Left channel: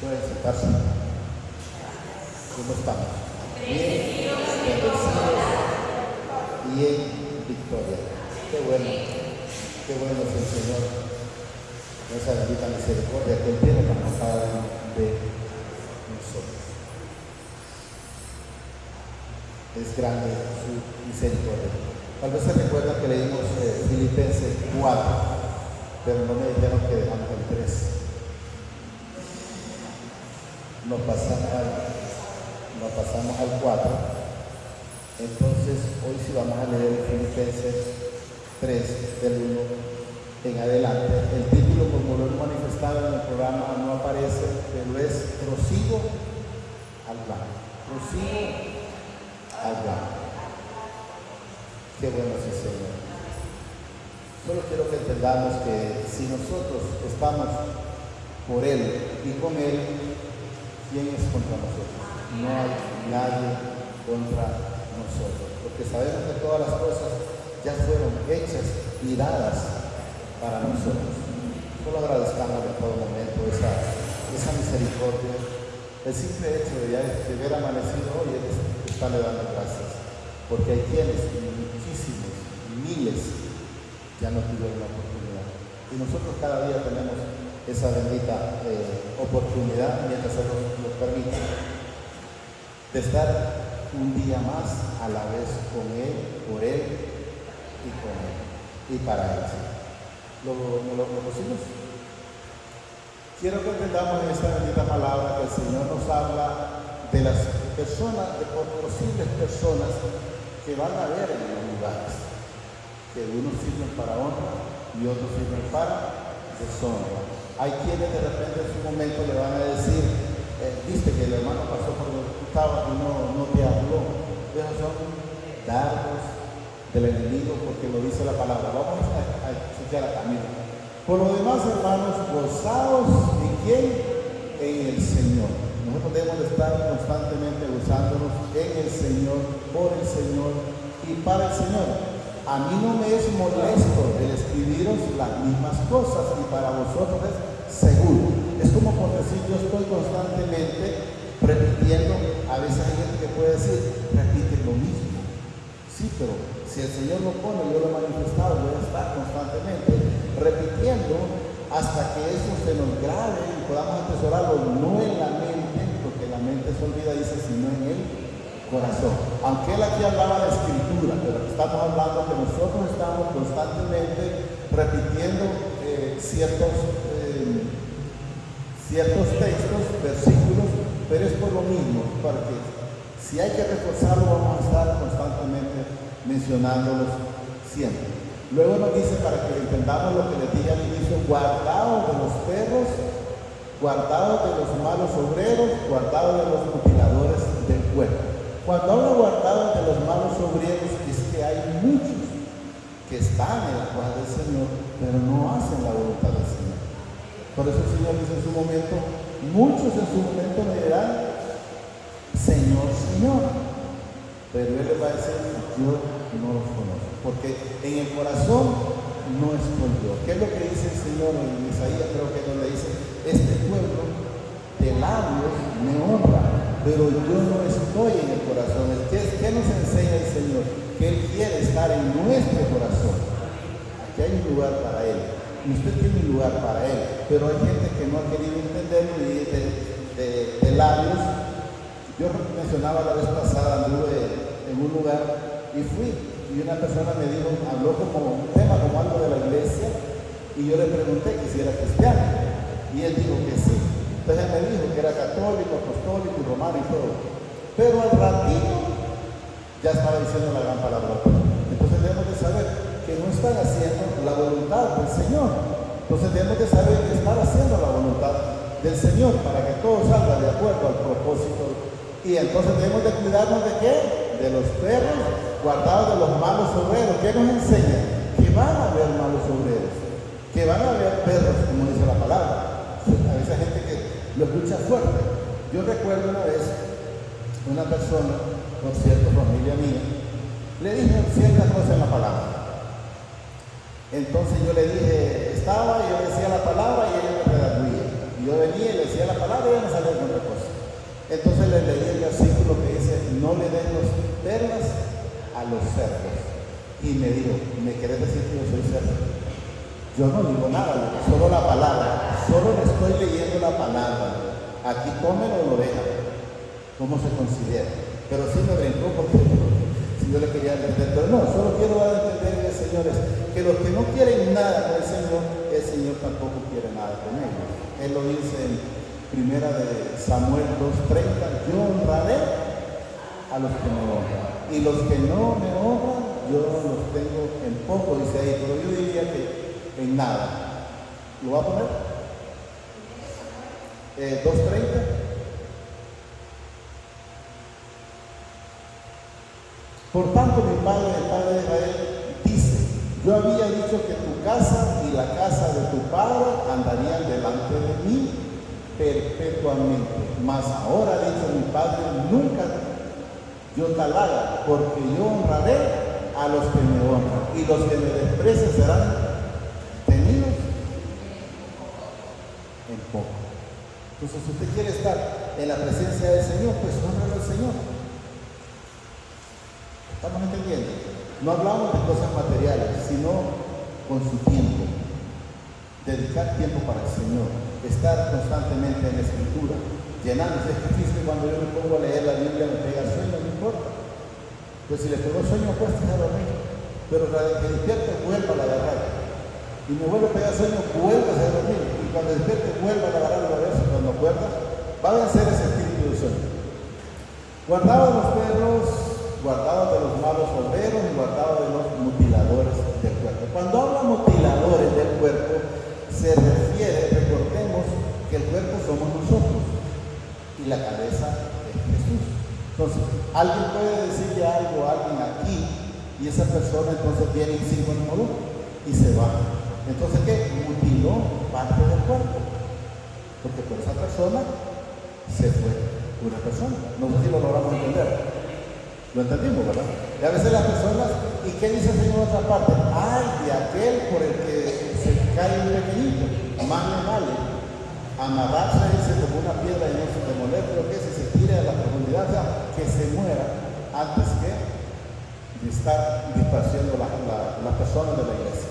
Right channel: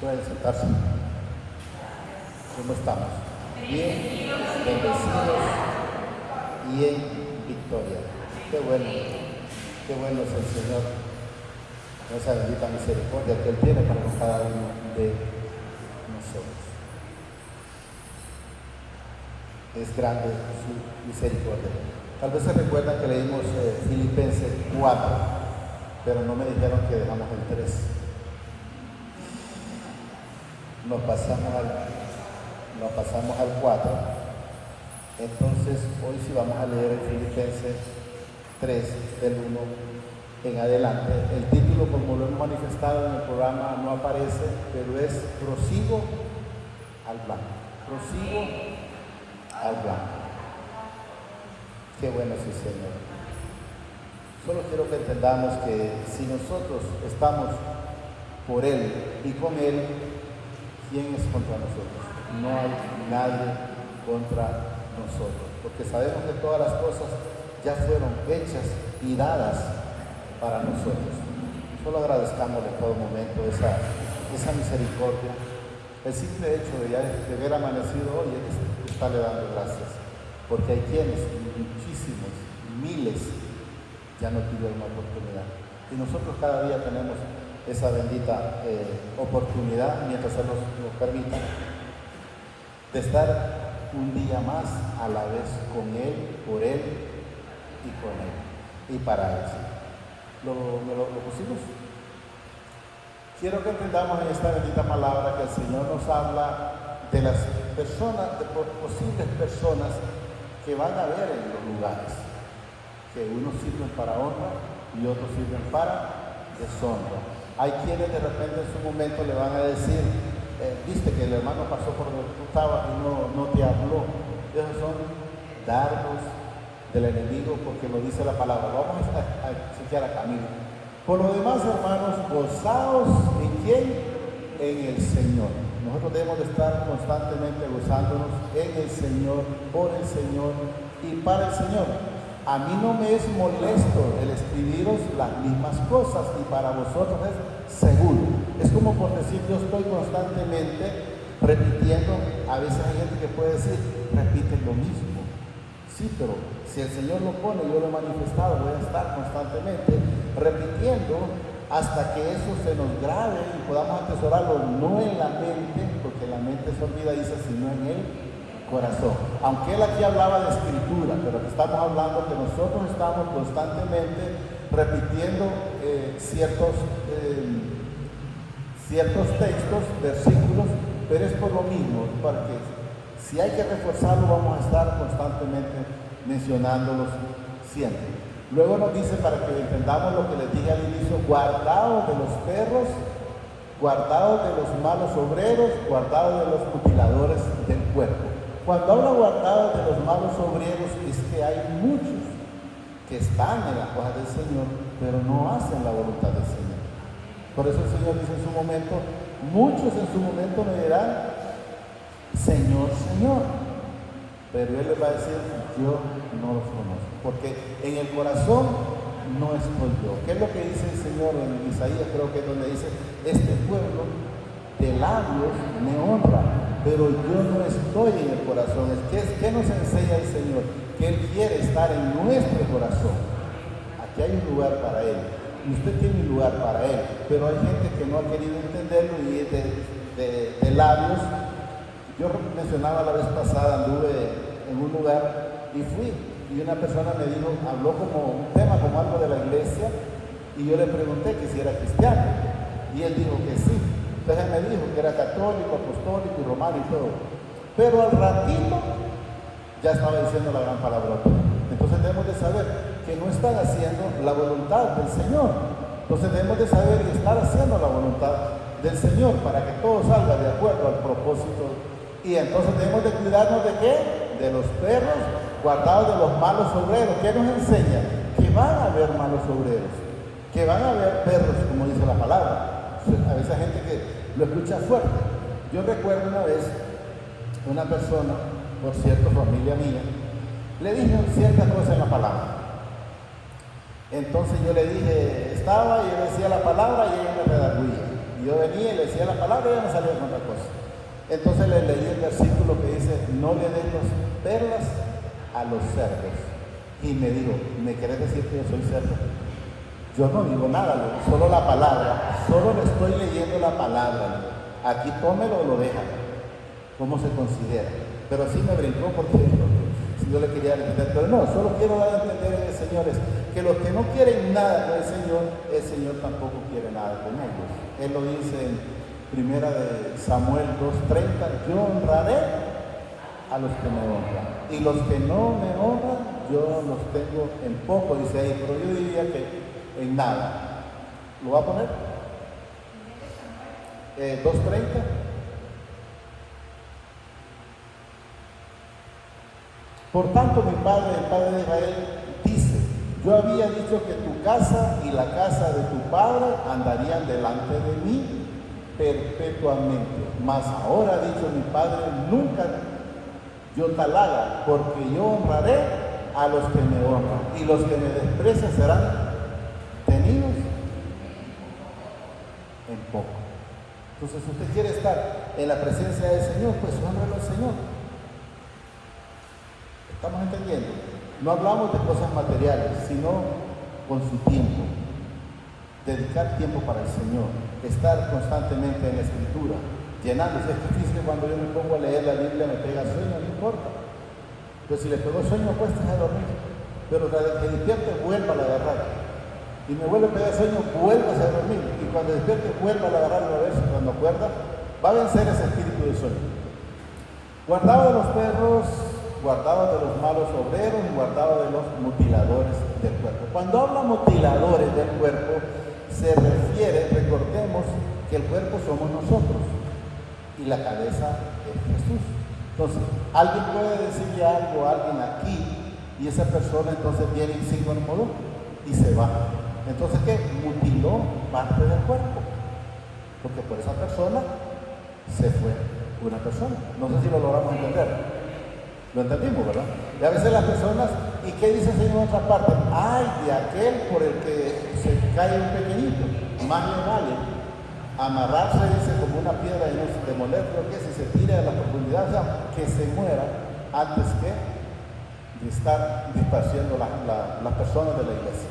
Pueden sentarse. ¿Cómo estamos? Bien, bendecidos y en victoria. Qué bueno es el Señor. Esa bendita misericordia que Él tiene para cada uno de nosotros. Es grande su misericordia. Tal vez se recuerda que leímos Filipenses 4, pero no me dijeron que dejamos el 3. Nos pasamos al 4. Entonces, hoy sí vamos a leer Filipenses 3, del 1 en adelante. El título, como lo hemos manifestado en el programa, no aparece, pero es Prosigo al plan. Prosigo al plan. Qué bueno es el Señor. Solo quiero que entendamos que si nosotros estamos por Él y con Él, ¿quién es contra nosotros? No hay nadie contra nosotros, porque sabemos que todas las cosas ya fueron hechas y dadas para nosotros. Solo agradezcamos en todo momento esa misericordia. El simple hecho de haber amanecido hoy es estarle dando gracias, porque hay quienes, muchísimos, miles, ya no tuvieron la oportunidad. Y nosotros cada día tenemos esa bendita oportunidad, mientras se nos permita, de estar un día más a la vez con Él, por Él y con Él y para Él. ¿Lo pusimos? Quiero que entendamos en esta bendita palabra que el Señor nos habla de las personas, de posibles personas que van a ver en los lugares, que unos sirven para honra y otros sirven para deshonra. Hay quienes de repente en su momento le van a decir, viste que el hermano pasó por donde tú estabas y no te habló. Esos son dardos del enemigo, porque lo dice la palabra. Vamos a chequear a Camilo. Por lo demás, hermanos, gozaos en quién, en el Señor. Nosotros debemos estar constantemente gozándonos en el Señor, por el Señor y para el Señor. A mí no me es molesto el escribiros las mismas cosas, y para vosotros es seguro. Es como por decir, yo estoy constantemente repitiendo. A veces hay gente que puede decir, repite lo mismo. Sí, pero si el Señor lo pone, yo lo he manifestado, voy a estar constantemente repitiendo hasta que eso se nos grabe y podamos atesorarlo no en la mente, porque la mente se olvida, dice, sino en el corazón. Aunque él aquí hablaba de escritura, pero estamos hablando que nosotros estamos constantemente repitiendo ciertos textos, versículos, pero es por lo mismo, porque si hay que reforzarlo, vamos a estar constantemente mencionándolos siempre. Luego nos dice, para que entendamos lo que les dije al inicio, guardados de los perros, guardados de los malos obreros, guardados de los mutiladores del cuerpo. Cuando habla guardados de los malos obreros, es que hay muchos que están en la paz del Señor, pero no hacen la voluntad del Señor. Por eso el Señor dice en su momento, muchos en su momento me dirán, Señor, Señor. Pero Él les va a decir, yo no los conozco, porque en el corazón no estoy yo. ¿Qué es lo que dice el Señor en Isaías? Creo que es donde dice, este pueblo de labios me honra, pero yo no estoy en el corazón. ¿Qué nos enseña el Señor? Que Él quiere estar en nuestro corazón. Aquí hay un lugar para Él, y usted tiene un lugar para Él, pero hay gente que no ha querido entenderlo y es de labios. Yo mencionaba la vez pasada, anduve en un lugar y fui, y una persona me dijo, habló como un tema, como algo de la iglesia, y yo le pregunté que si era cristiano, y él dijo que sí. Entonces él me dijo que era católico, apostólico y romano y todo, pero al ratito ya estaba diciendo la gran palabra. Entonces debemos de saber que no están haciendo la voluntad del Señor. Entonces debemos de saber que están haciendo la voluntad del Señor para que todo salga de acuerdo al propósito. Y entonces debemos de cuidarnos de ¿qué? De los perros, guardados de los malos obreros. ¿Qué nos enseña? Que van a haber malos obreros, que van a haber perros, como dice la palabra. A veces hay gente que lo escucha fuerte. Yo recuerdo una vez, una persona, por cierto, familia mía, le dije ciertas cosas en la palabra. Entonces yo le dije, estaba y yo decía la palabra y ella me redarguía. Y yo venía y le decía la palabra y ya no salía con otra cosa. Entonces le leí el versículo que dice, no le den perlas a los cerdos. Y me dijo, ¿me querés decir que yo soy cerdo? Yo no digo nada, solo la palabra. Solo le estoy leyendo la palabra. Aquí tómelo o lo deja. ¿Cómo se considera? Pero así me brincó porque si yo le quería entender. Pero no, solo quiero dar a entender, señores, que los que no quieren nada con el Señor tampoco quiere nada con ellos. Él lo dice en Primera de Samuel 2:30, yo honraré a los que me honran. Y los que no me honran, yo los tengo en poco, dice ahí, pero yo diría que en nada. ¿Lo va a poner? 2:30. Por tanto, mi padre, el padre de Israel, dice, yo había dicho que tu casa y la casa de tu padre andarían delante de mí perpetuamente. Mas ahora ha dicho mi padre, nunca yo tal haga, porque yo honraré a los que me honran, y los que me desprecian serán tenidos en poco. Entonces, si usted quiere estar en la presencia del Señor, pues honra al Señor. ¿Estamos entendiendo? No hablamos de cosas materiales, sino con su tiempo. Dedicar tiempo para el Señor, estar constantemente en la Escritura, llenándose. Es difícil cuando yo me pongo a leer la Biblia, me pega sueño, no importa. Pues si le pegó sueño, pues está dormido. Pero cuando te despierto, vuelva a agarrar. Y me vuelve a pegar sueño, vuelvas a dormir. Y cuando despierte, vuelva a agarrar a ver si cuando acuerdas, va a vencer ese espíritu de sueño. Guardado de los perros, guardado de los malos obreros y guardado de los mutiladores del cuerpo. Cuando habla mutiladores del cuerpo, se refiere, recordemos, que el cuerpo somos nosotros y la cabeza es Jesús. Entonces, alguien puede decirle algo a alguien aquí y esa persona entonces viene en sí mismo y se va. Entonces, ¿qué? Mutiló parte del cuerpo. Porque por esa persona se fue una persona. No sé si lo logramos entender. Lo entendimos, ¿verdad? Y a veces las personas, ¿y qué dice el Señor en otra parte? Ay, de aquel por el que se cae un pequeñito, más le vale amagarse como una piedra y no se demoler, pero que si se tira de la profundidad, que se muera antes que de estar disparciendo las personas de la iglesia.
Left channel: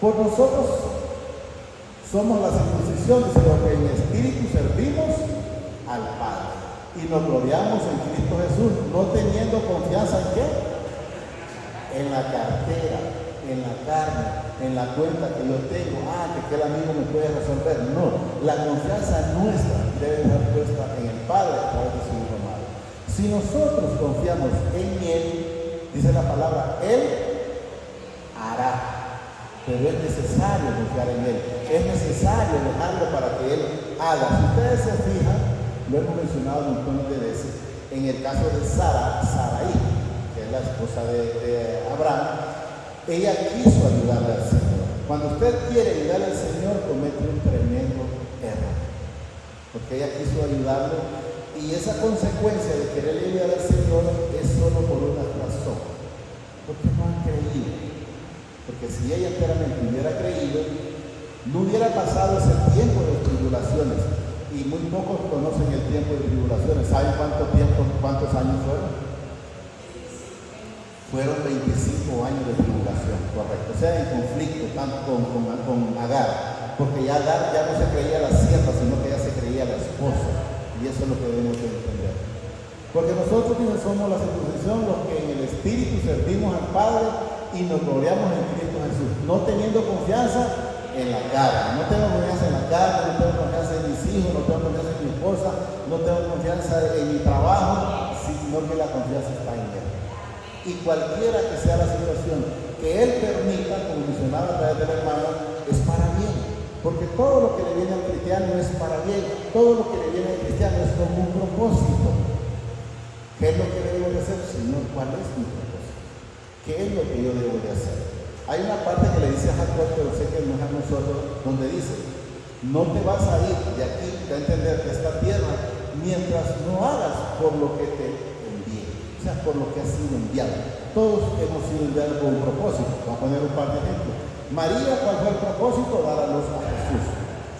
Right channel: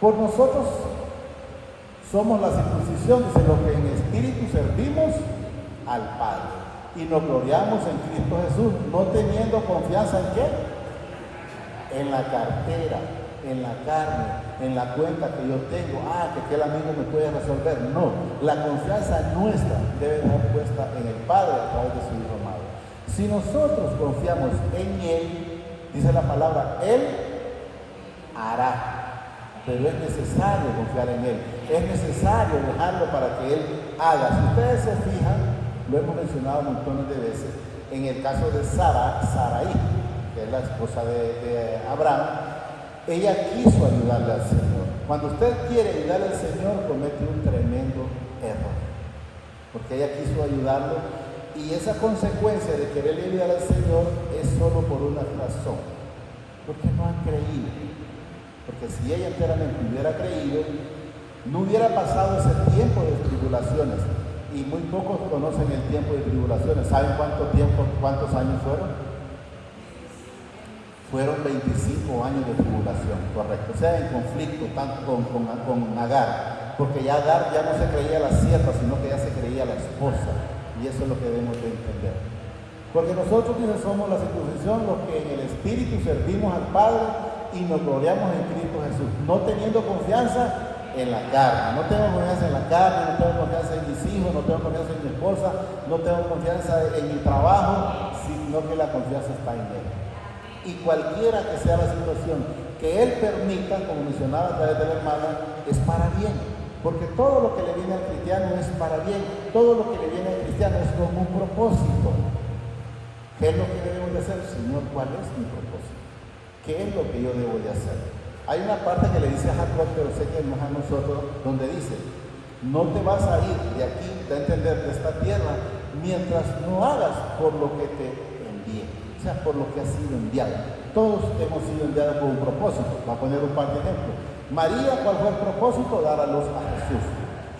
Por nosotros somos la circuncisión, dice, los que en espíritu servimos al Padre y nos gloriamos en Cristo Jesús, no teniendo confianza en qué, en la cartera, en la carne, en la cuenta que yo tengo, que aquel amigo me puede resolver. No, la confianza nuestra debe estar puesta en el Padre a través de su Hijo amado. Si nosotros confiamos en Él, dice la palabra, Él hará. Pero es necesario confiar en Él, es necesario dejarlo para que Él haga. Si ustedes se fijan, lo hemos mencionado montones de veces, en el caso de Sarai, que es la esposa de Abraham, ella quiso ayudarle al Señor. Cuando usted quiere ayudarle al Señor, comete un tremendo error, porque ella quiso ayudarlo, y esa consecuencia de querer ayudar al Señor es solo por una razón, porque no han creído. Porque si ella enteramente hubiera creído, no hubiera pasado ese tiempo de tribulaciones. Y muy pocos conocen el tiempo de tribulaciones. ¿Saben cuántos años fueron? Fueron 25 años de tribulación, correcto. O sea, en conflicto tanto con Agar. Porque ya Agar ya no se creía la sierva, sino que ya se creía la esposa. Y eso es lo que debemos de entender. Porque nosotros somos la circuncisión, los que en el Espíritu servimos al Padre y nos gloriamos en Cristo Jesús, no teniendo confianza en la carne. No tengo confianza en la carne, no tengo confianza en mis hijos, no tengo confianza en mi esposa, no tengo confianza en mi trabajo, sino que la confianza está en Él. Y cualquiera que sea la situación que Él permita, como mencionaba a través de la hermana, es para bien. Porque todo lo que le viene al cristiano es para bien, todo lo que le viene al cristiano es con un propósito. ¿Qué es lo que debemos de hacer? Señor, ¿cuál es mi propósito? ¿Qué es lo que yo debo de hacer? Hay una parte que le dice a Jacob, pero sé que no es a nosotros, donde dice, no te vas a ir de aquí, de entender, de esta tierra, mientras no hagas por lo que te envíe, o sea, por lo que has sido enviado. Todos hemos sido enviados con un propósito. Voy a poner un par de ejemplos. María, ¿cuál fue el propósito? Dar a luz a Jesús.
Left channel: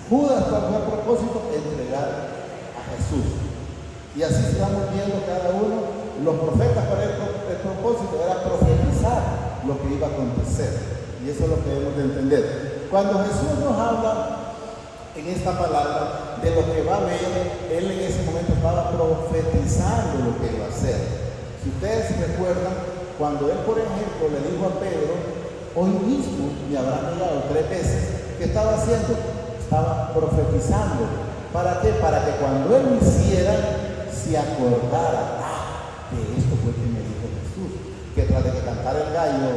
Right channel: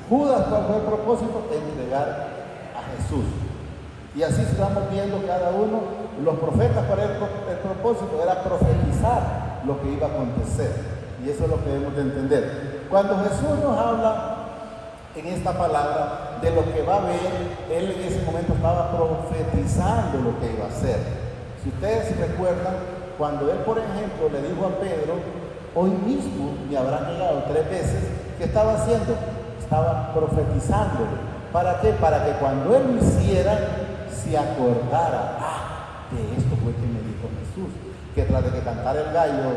Judas, ¿cuál fue el propósito? Entregar a Jesús. Y así estamos viendo cada uno. Los profetas, para el propósito era profetizar lo que iba a acontecer. Y eso es lo que debemos de entender. Cuando Jesús nos habla en esta palabra de lo que va a ver, él en ese momento estaba profetizando lo que iba a hacer. Si ustedes recuerdan, cuando él, por ejemplo, le dijo a Pedro, hoy mismo me habrán negado 3 veces, ¿qué estaba haciendo? Estaba profetizando. ¿Para qué? Para que cuando él lo hiciera, se acordara de esto fue que me dijo Jesús, que tras de que cantara el gallo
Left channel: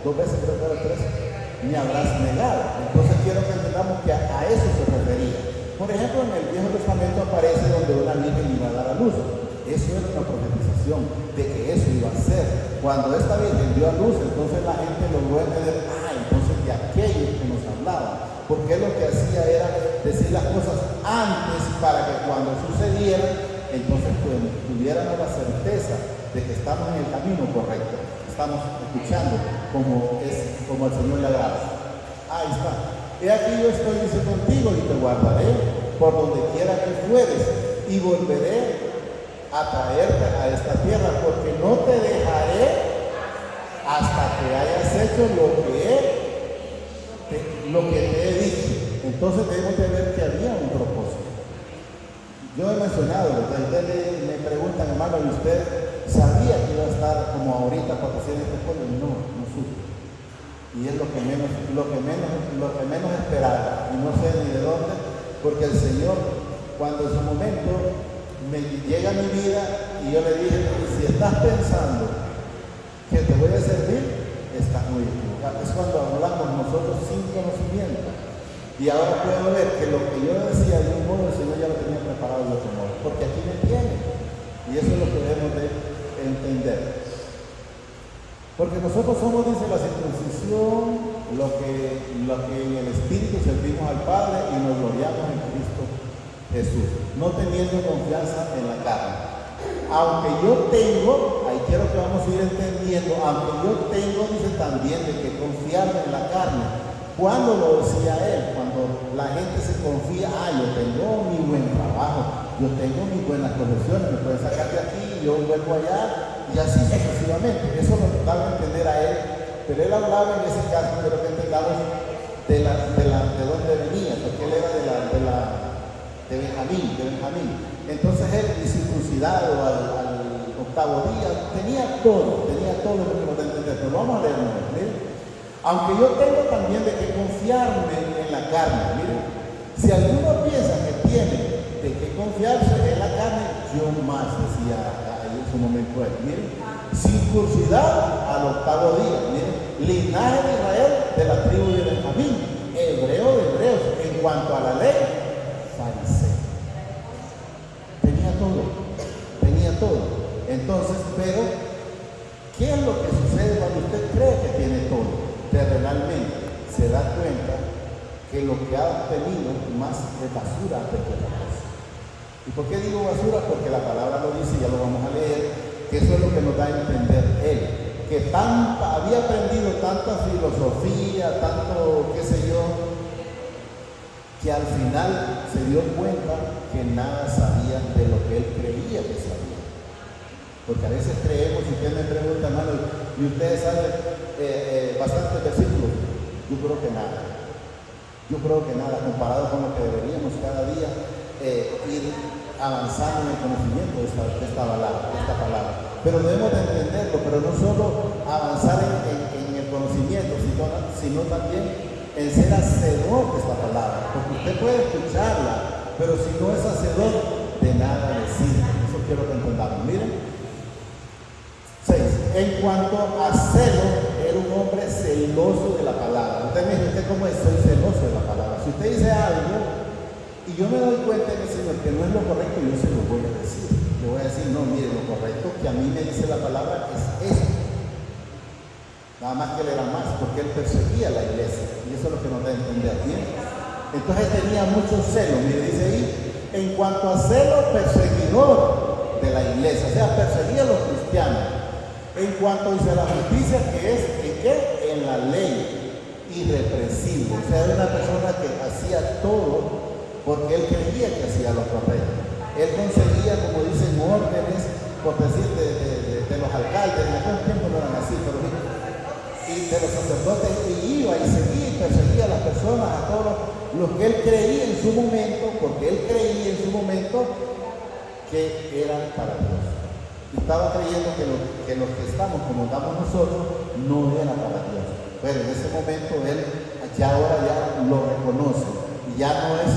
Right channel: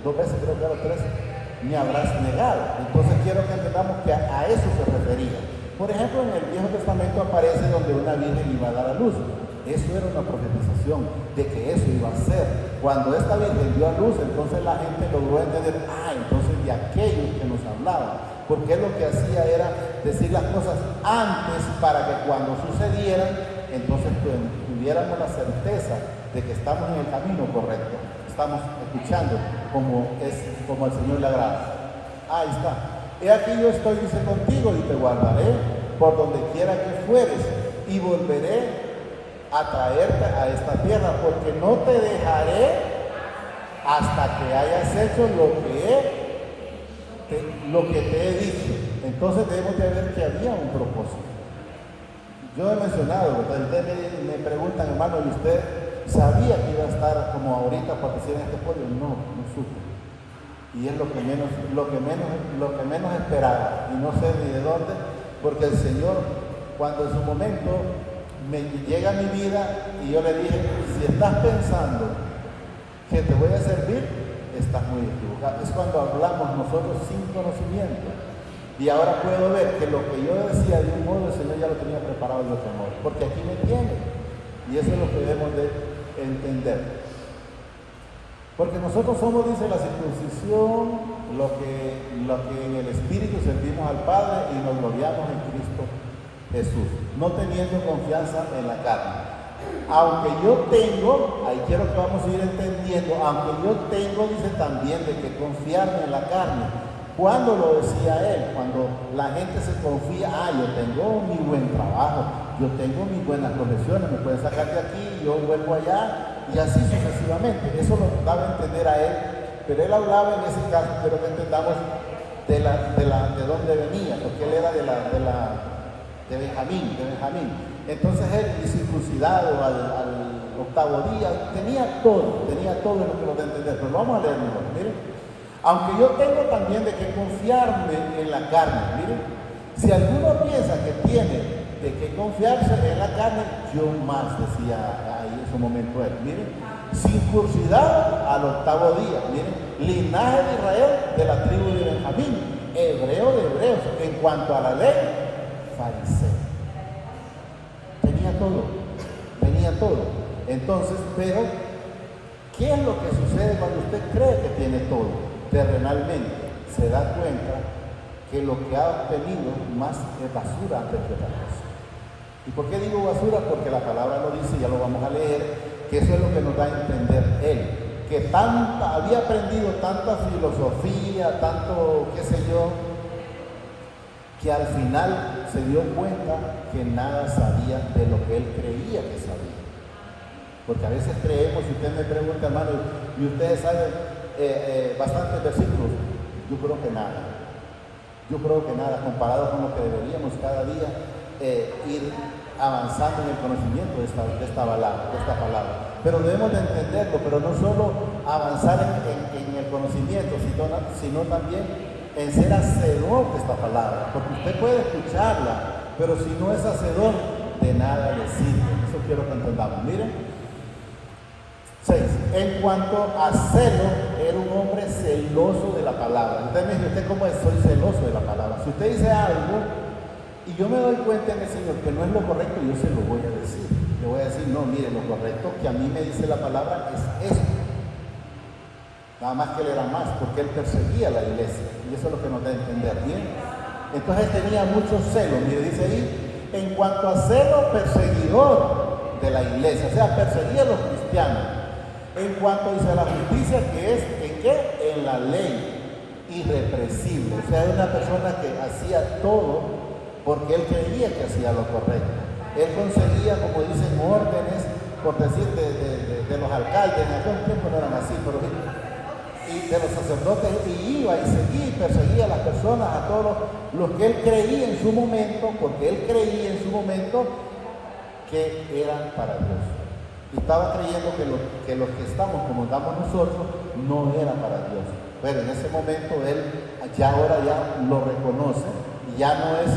2 veces, creo que era 3, me habrás negado. Entonces quiero que entendamos que a eso se refería. Por ejemplo, en el Viejo Testamento aparece donde una virgen iba a dar a luz. Eso era una profetización de que eso iba a ser. Cuando esta virgen dio a luz, entonces la gente logró entender, entonces de aquello que nos hablaba. Porque lo que hacía era decir las cosas antes para que cuando sucedieran, entonces pues, tuviéramos la certeza de que estamos en el camino correcto. Estamos escuchando como el Señor le agrada. Ahí está. He aquí yo estoy dice contigo y te guardaré por donde quiera que fueres y volveré a traerte a esta tierra, porque no te dejaré hasta que hayas hecho lo que te he dicho. Entonces debemos de ver que había un propósito. Yo he mencionado, ustedes me preguntan, hermano, ¿y usted sabía que iba a estar como ahorita para hacer este pueblo? No supe. Y es lo que menos esperaba. Y no sé ni de dónde, porque el Señor, cuando en su momento me llega a mi vida y yo le dije, si estás pensando que te voy a servir, estás muy equivocado. Es cuando hablamos nosotros sin conocimiento. Y ahora puedo ver que lo que yo decía de un modo, el Señor ya lo tenía preparado de otro modo, porque aquí me entiende. Y eso es lo que debemos de entender. Porque nosotros somos, dice, la circuncisión, lo que en el Espíritu servimos al Padre y nos gloriamos en Cristo Jesús, no teniendo confianza en la carne. Aunque yo tengo, ahí quiero que vamos a ir entendiendo, aunque yo tengo, dice también, de que confiarme en la carne. ¿Cuándo lo decía él? Cuando la gente se confía, yo tengo mi buen trabajo, yo tengo mis buenas profesiones, me pueden sacar de aquí, yo vuelvo allá, y así sucesivamente. Eso lo daba a entender a él, pero él hablaba en ese caso, quiero que entendamos de dónde venía, porque él era de Benjamín. Entonces él, circuncidado al 8º día, tenía todo lo que podemos entender, pero vamos a leerlo, miren. Aunque yo tengo también de que confiarme en la carne, miren, si alguno piensa que tiene de que confiarse en la carne, yo más, decía ahí en su momento él, miren, circuncidado al 8º día, miren, linaje de Israel de la tribu de Benjamín, hebreo de hebreos, en cuanto a la ley, fariseo. Tenía todo. Entonces, pero, ¿qué es lo que sucede cuando usted cree que tiene todo? Que realmente se da cuenta que lo que ha obtenido más es basura antes que otra cosa. ¿Y por qué digo basura? Porque la palabra lo dice, ya lo vamos a leer, que eso es lo que nos da a entender él, que había aprendido tanta filosofía, tanto qué sé yo, que al final se dio cuenta que nada sabía de lo que él creía que sabía. Porque a veces creemos, si usted me pregunta, hermano, y ustedes saben bastantes versículos, yo creo que nada, comparado con lo que deberíamos cada día ir avanzando en el conocimiento de esta palabra. Pero debemos de entenderlo, pero no solo avanzar en el conocimiento, sino también en ser hacedor de esta palabra. Porque usted puede escucharla, pero si no es hacedor, de nada le sirve. Eso quiero que entendamos. Miren. 6. En cuanto a celo, era un hombre celoso de la palabra. Usted me dice, ¿usted cómo es? Soy celoso de la palabra. Si usted dice algo y yo me doy cuenta de decirle que no es lo correcto, yo se lo voy a decir. Le voy a decir, no, mire, lo correcto que a mí me dice la palabra es esto. Nada más que él era más, porque él perseguía la iglesia. Y eso es lo que nos da a entender bien. Entonces tenía mucho celo. Mire, dice ahí, en cuanto a celo, perseguidor de la iglesia. O sea, perseguía a los cristianos. En cuanto dice a la justicia, que es ¿en qué? En la ley. irrepresible. O sea, era una persona que hacía todo porque él creía que hacía lo correcto. Él conseguía, como dicen, órdenes, por decir, de los alcaldes, en aquel tiempo no eran así, pero y de los sacerdotes, y iba y seguía y perseguía a las personas, a todos los que él creía en su momento, porque él creía en su momento que eran para Dios. Y estaba creyendo que los que estamos como estamos nosotros no era para Dios. Pero en ese momento él ahora lo reconoce y ya no es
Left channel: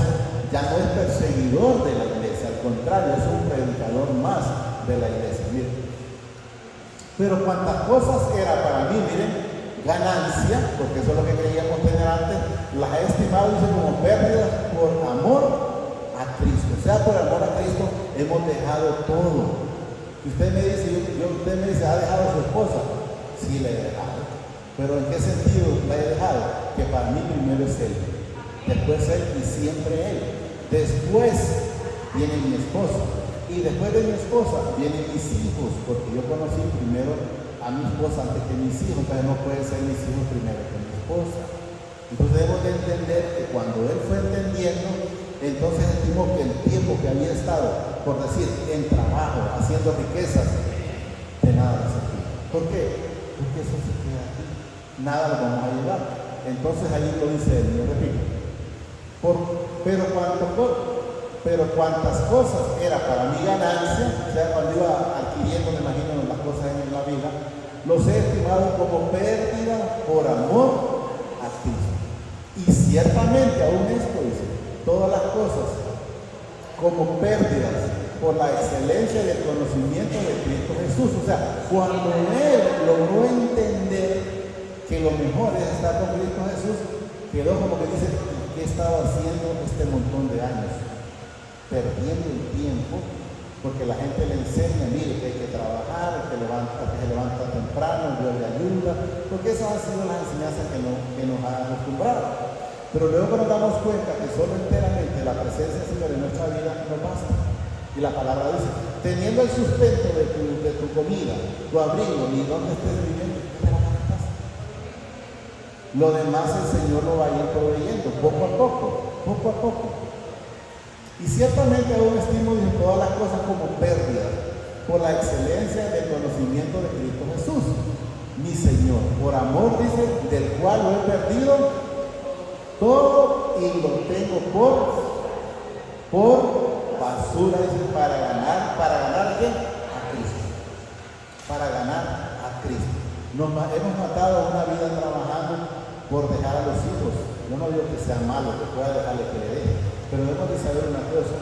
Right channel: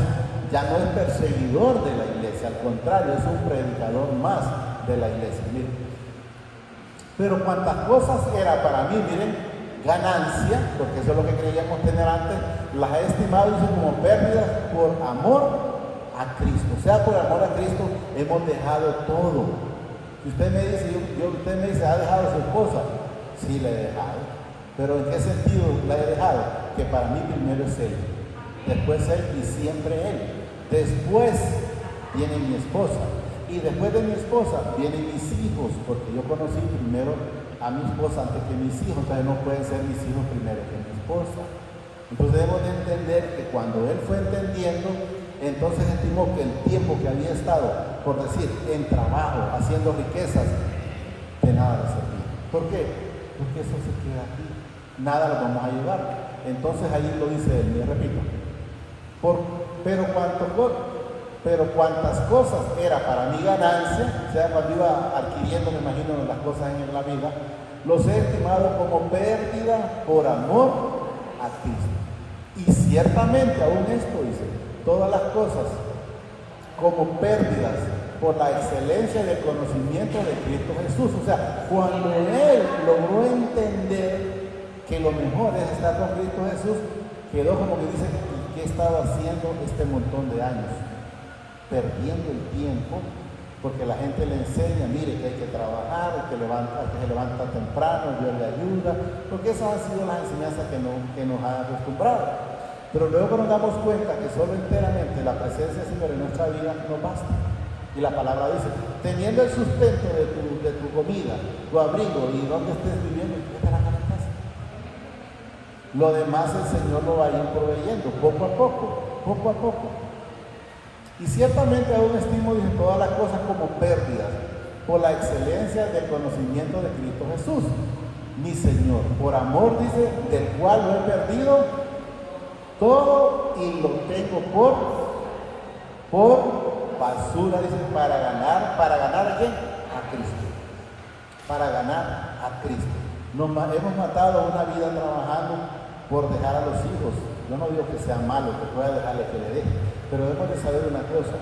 perseguidor de la iglesia, al contrario, es un predicador más de la iglesia. Miren. Pero cuantas cosas era para mí, miren, ganancia, porque eso es lo que creíamos tener antes, las he estimado como pérdidas por amor a Cristo. O sea, por amor a Cristo hemos dejado todo. Si usted me dice, ¿ha dejado a su esposa? Sí, la he dejado. ¿Pero en qué sentido la he dejado? Que para mí primero es Él, después Él y siempre Él. Después viene mi esposa. Y después de mi esposa vienen mis hijos, porque yo conocí primero a mi esposa antes que mis hijos, entonces no pueden ser mis hijos primero que mi esposa. Entonces debemos de entender que cuando él fue entendiendo, entonces estimó que el tiempo que había estado, por decir, en trabajo, haciendo riquezas, de nada servía. ¿Por qué? Porque eso se queda aquí, nada lo vamos a llevar. Entonces ahí lo dice él, yo repito. Pero cuantas cosas era para mi ganancia, o sea, cuando iba adquiriendo, me imagino, las cosas en la vida, los he estimado como pérdida por amor a Cristo. Y ciertamente, aún esto dice, todas las cosas como pérdidas por la excelencia del conocimiento de Cristo Jesús. O sea, cuando él logró entender que lo mejor es estar con Cristo Jesús, quedó como que dice, ¿qué estaba haciendo este montón de años? Perdiendo el tiempo, porque la gente le enseña, mire, que hay que trabajar, que se levanta temprano, Dios le ayuda, porque esas han sido las enseñanzas que nos han acostumbrado. Pero luego nos damos cuenta que solo enteramente la presencia del Señor en nuestra vida no basta. Y la palabra dice, teniendo el sustento de tu comida, tu abrigo y donde estés viviendo, te la gastas. Lo demás el Señor lo va a ir proveyendo, poco a poco. Y ciertamente aún estimo en todas las cosas como pérdidas por la excelencia del conocimiento de Cristo Jesús, mi Señor, por amor, dice, del cual lo he perdido todo y lo tengo por basura, dice, para ganar ¿a quién? A Cristo. Para ganar a Cristo. Hemos matado una vida trabajando por dejar a los hijos. Yo no digo que sea malo, que pueda dejarle que le deje. Pero debemos de saber una cosa,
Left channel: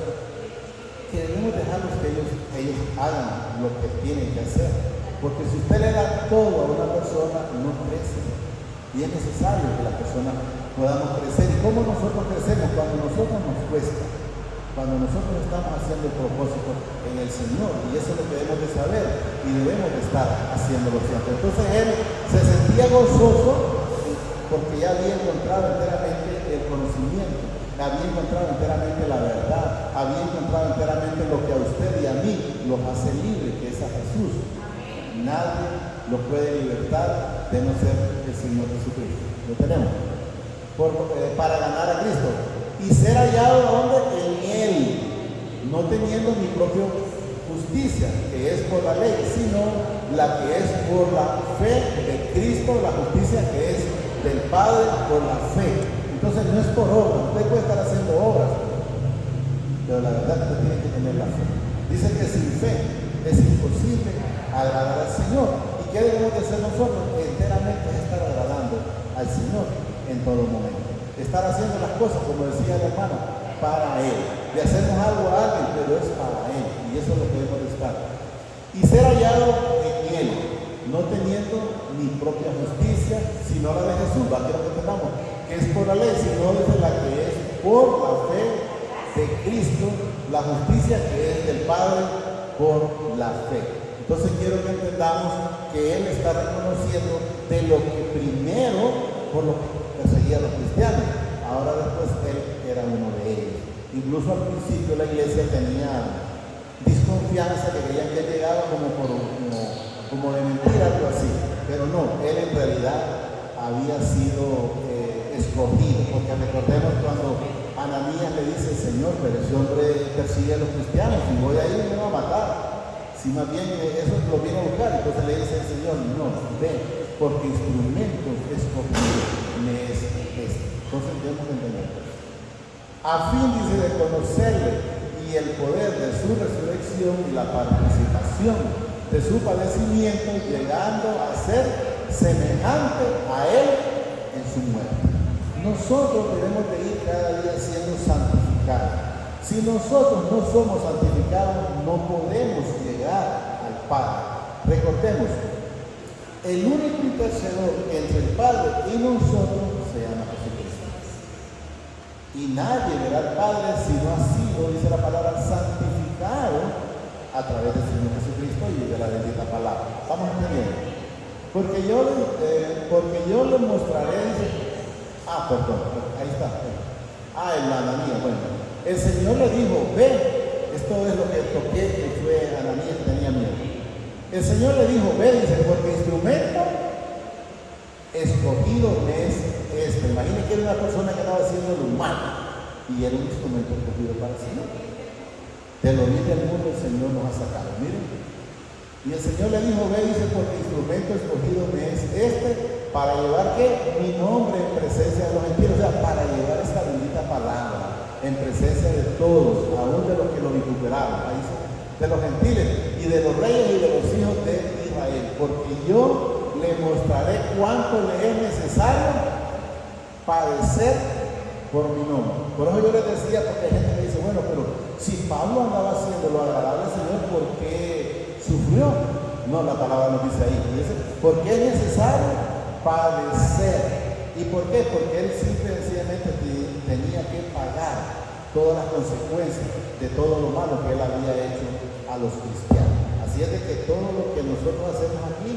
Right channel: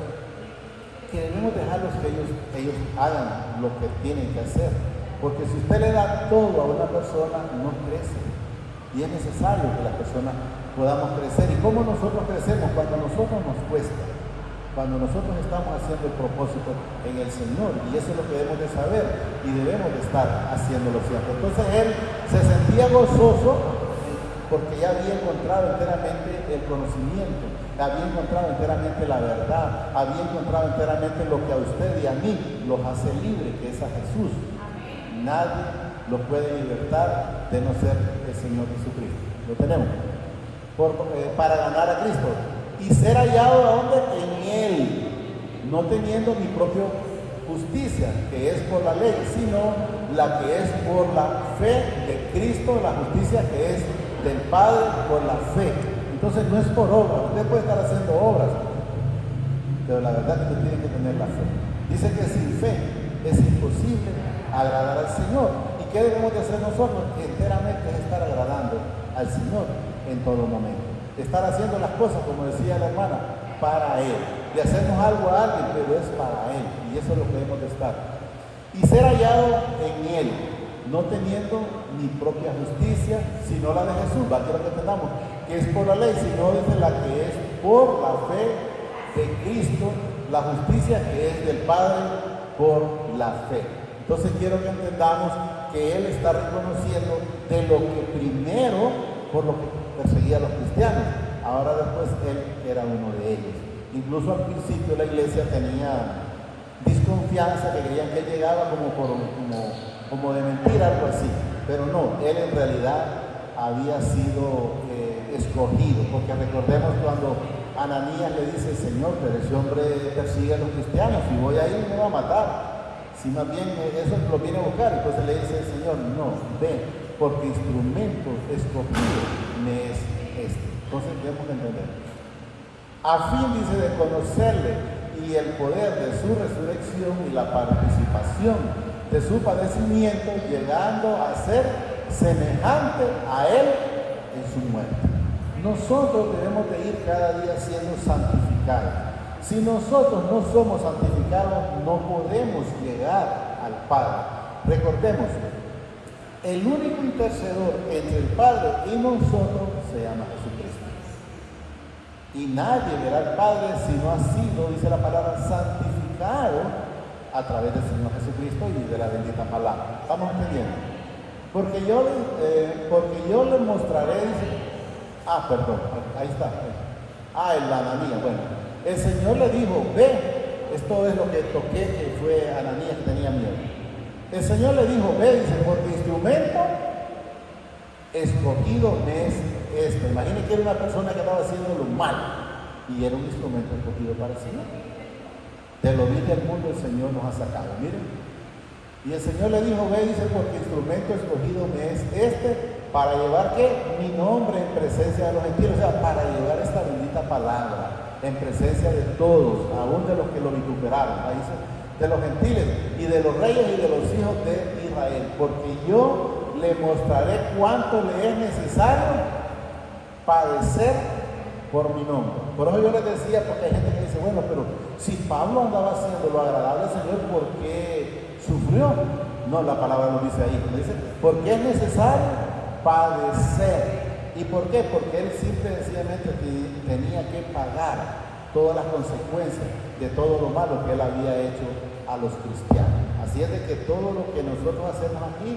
que debemos dejarlos que ellos hagan lo que tienen que hacer. Porque si usted le da todo a una persona, no crece. Y es necesario que la persona podamos crecer. ¿Y cómo nosotros crecemos? Cuando nosotros nos cuesta. Cuando nosotros estamos haciendo el propósito en el Señor. Y eso es lo que debemos de saber. Y debemos de estar haciéndolo siempre. Entonces él se sentía gozoso porque ya había encontrado enteramente el conocimiento. Había encontrado enteramente la verdad, había encontrado enteramente lo que a usted y a mí los hace libres, que es a Jesús. Nadie lo puede libertar de no ser el Señor Jesucristo. Lo tenemos. Para ganar a Cristo. Y ser hallado a hombre en Él, no teniendo mi propia justicia, que es por la ley, sino la que es por la fe de Cristo, la justicia que es del Padre por la fe. Entonces no es por obras, usted puede estar haciendo obras, pero la verdad es que usted tiene que tener la fe. Dice que sin fe es imposible agradar al Señor. ¿Y qué debemos de hacer nosotros? Enteramente es estar agradando al Señor en todo momento. Estar haciendo las cosas, como decía la hermana, para Él. De hacernos algo a alguien, pero es para Él. Y eso es lo que debemos de estar. Y ser hallado en Él, no teniendo mi propia justicia, sino la de Jesús, la que tengamos, que es por la ley, sino desde la que es por la fe de Cristo, la justicia que es del Padre por la fe. Entonces quiero que entendamos que Él está reconociendo de lo que primero, por lo que perseguía a los cristianos, ahora después Él era uno de ellos. Incluso al principio la iglesia tenía desconfianza, que creían que Él llegaba como de mentira, algo así. Pero no, Él en realidad había sido escogido, porque recordemos cuando Ananías le dice, Señor, pero ese hombre persigue a los cristianos, si voy a ir me va a matar, si más bien eso lo viene a buscar. Entonces le dice el Señor, no, ven, porque instrumento escogido me es este. Entonces tenemos que entender, a fin, dice, de conocerle y el poder de su resurrección y la participación de su padecimiento, llegando a ser semejante a él en su muerte. Nosotros debemos de ir cada día siendo santificados. Si nosotros no somos santificados, no podemos llegar al Padre. Recordemos, el único intercesor entre el Padre y nosotros se llama Jesucristo. Y nadie verá al Padre si no ha sido, dice la palabra, santificado a través del Señor Jesucristo y de la bendita palabra. ¿Estamos entendiendo? Porque yo le mostraré, dice, perdón, ahí está. El Ananías, bueno. El Señor le dijo, ve, esto es lo que toqué, que fue Ananías que tenía miedo. El Señor le dijo, ve, dice, porque instrumento escogido me es este. Imagínense que era una persona que estaba haciendo lo malo y era un instrumento escogido para el Señor. De lo vil del mundo el Señor nos ha sacado, miren. Y el Señor le dijo, ve, dice, porque instrumento escogido me es este, para llevar, ¿qué? Mi nombre en presencia de los gentiles, o sea, para llevar esta bendita palabra en presencia de todos, aún de los que lo vituperaron, ahí dice, de los gentiles y de los reyes y de los hijos de Israel, porque yo le mostraré cuánto le es necesario padecer por mi nombre. Por eso yo les decía, porque hay gente que dice, bueno, pero si Pablo andaba haciendo lo agradable al Señor, ¿por qué sufrió? No, la palabra nos dice ahí, dice, porque es necesario padecer. ¿Y por qué? Porque él simple y sencillamente tenía que pagar todas las consecuencias de todo lo malo que él había hecho a los cristianos. Así es de que todo lo que nosotros hacemos aquí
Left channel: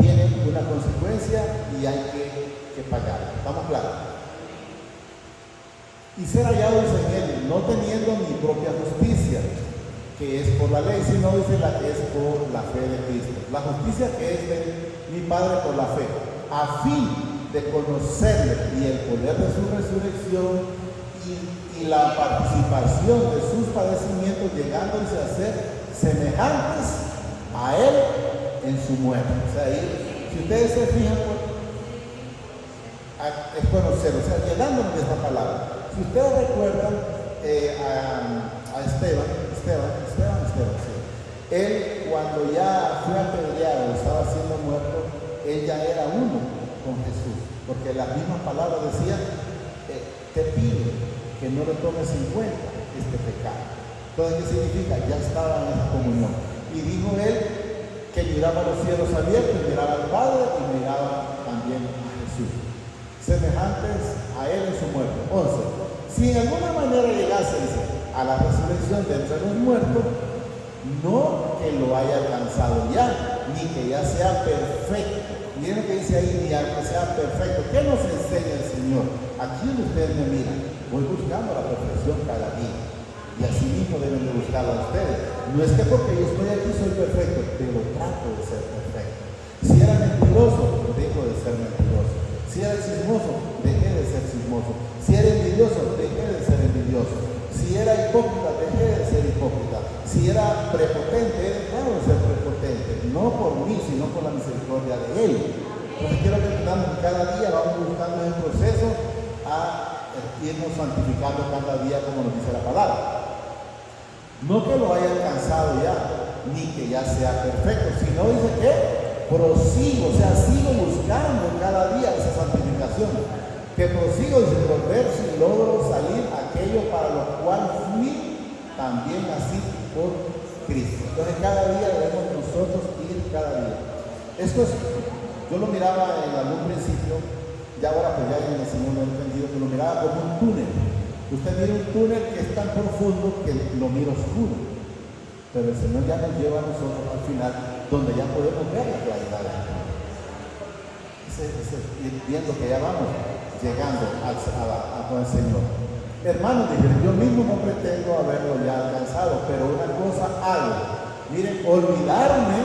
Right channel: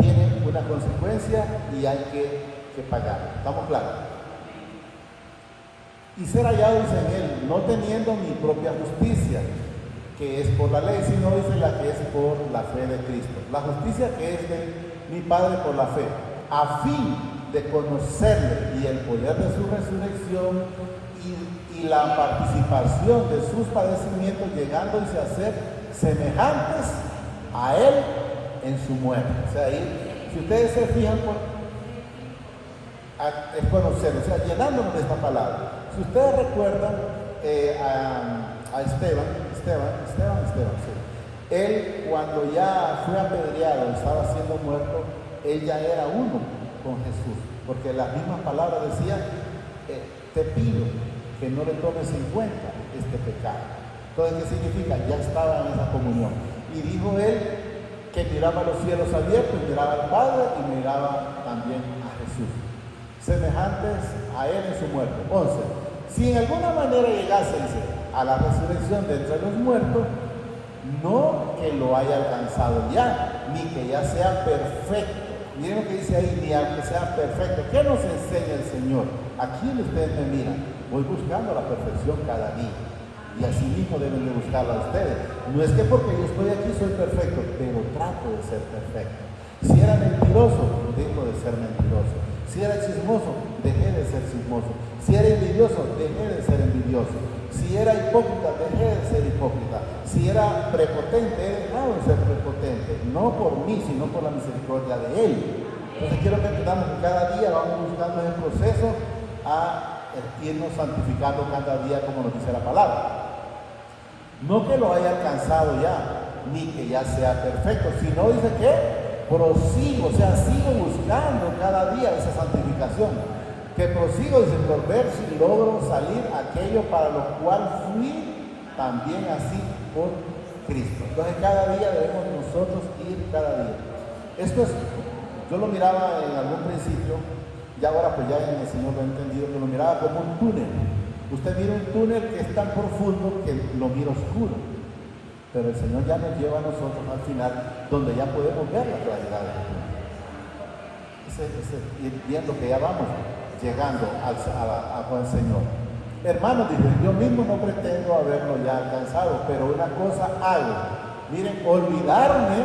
tiene una consecuencia y hay que pagar. ¿Estamos claros? Y ser hallado, dice él, no teniendo mi propia justicia, que es por la ley, sino dice la que es por la fe de Cristo. La justicia que es de mi Padre por la fe, a fin de conocerle y el poder de su resurrección y la participación de sus padecimientos, llegando a ser semejantes a él en su muerte. O sea, ahí, si ustedes se fijan, es conocer, o sea, llenándonos de esta palabra. Si ustedes recuerdan a Esteban, sí. Él cuando ya fue apedreado, estaba siendo muerto, él ya era uno con Jesús, porque las mismas palabras decían, te pido que no lo tomes en cuenta este pecado. Entonces, ¿qué significa? Ya estaba en esa comunión. Y dijo él que miraba los cielos abiertos, miraba al Padre y miraba también a Jesús, semejantes a él en su muerte. Entonces, si en alguna manera llegase a la resurrección de entre los muertos, no que lo haya alcanzado ya, ni que ya sea perfecto. Miren lo que dice ahí, ni que sea perfecto. ¿Qué nos enseña el Señor? Aquí ustedes me miran, voy buscando la perfección cada día. Y así mismo deben de buscarla ustedes. No es que porque yo estoy aquí soy perfecto, pero trato de ser perfecto. Si era mentiroso, dejo de ser mentiroso. Si era chismoso, dejé de ser chismoso. Si era envidioso, dejé de ser envidioso. Si era hipócrita, dejé de ser hipócrita. Si era prepotente, he dejado de ser prepotente. No por mí, sino por la misericordia de Él. Entonces quiero que entendamos que cada día vamos buscando el proceso a irnos santificando cada día como nos dice la palabra. No que lo haya alcanzado ya, ni que ya sea perfecto, sino dice que prosigo, o sea, sigo buscando cada día esa santificación. Que prosigo, dice, por ver si logro salir aquello para lo cual fui también así por Cristo. Entonces cada día debemos nosotros ir cada día. Esto es, yo lo miraba en algún principio, ya ahora pues ya en el Señor lo he entendido, que lo miraba como un túnel. Usted mira un túnel que es tan profundo que lo mira oscuro. Pero el Señor ya nos lleva a nosotros al final, donde ya podemos ver la claridad del túnel. Ir viendo que ya vamos llegando con el Señor. Hermanos, dije, yo mismo no pretendo haberlo ya alcanzado, pero una cosa hago. Miren, olvidarme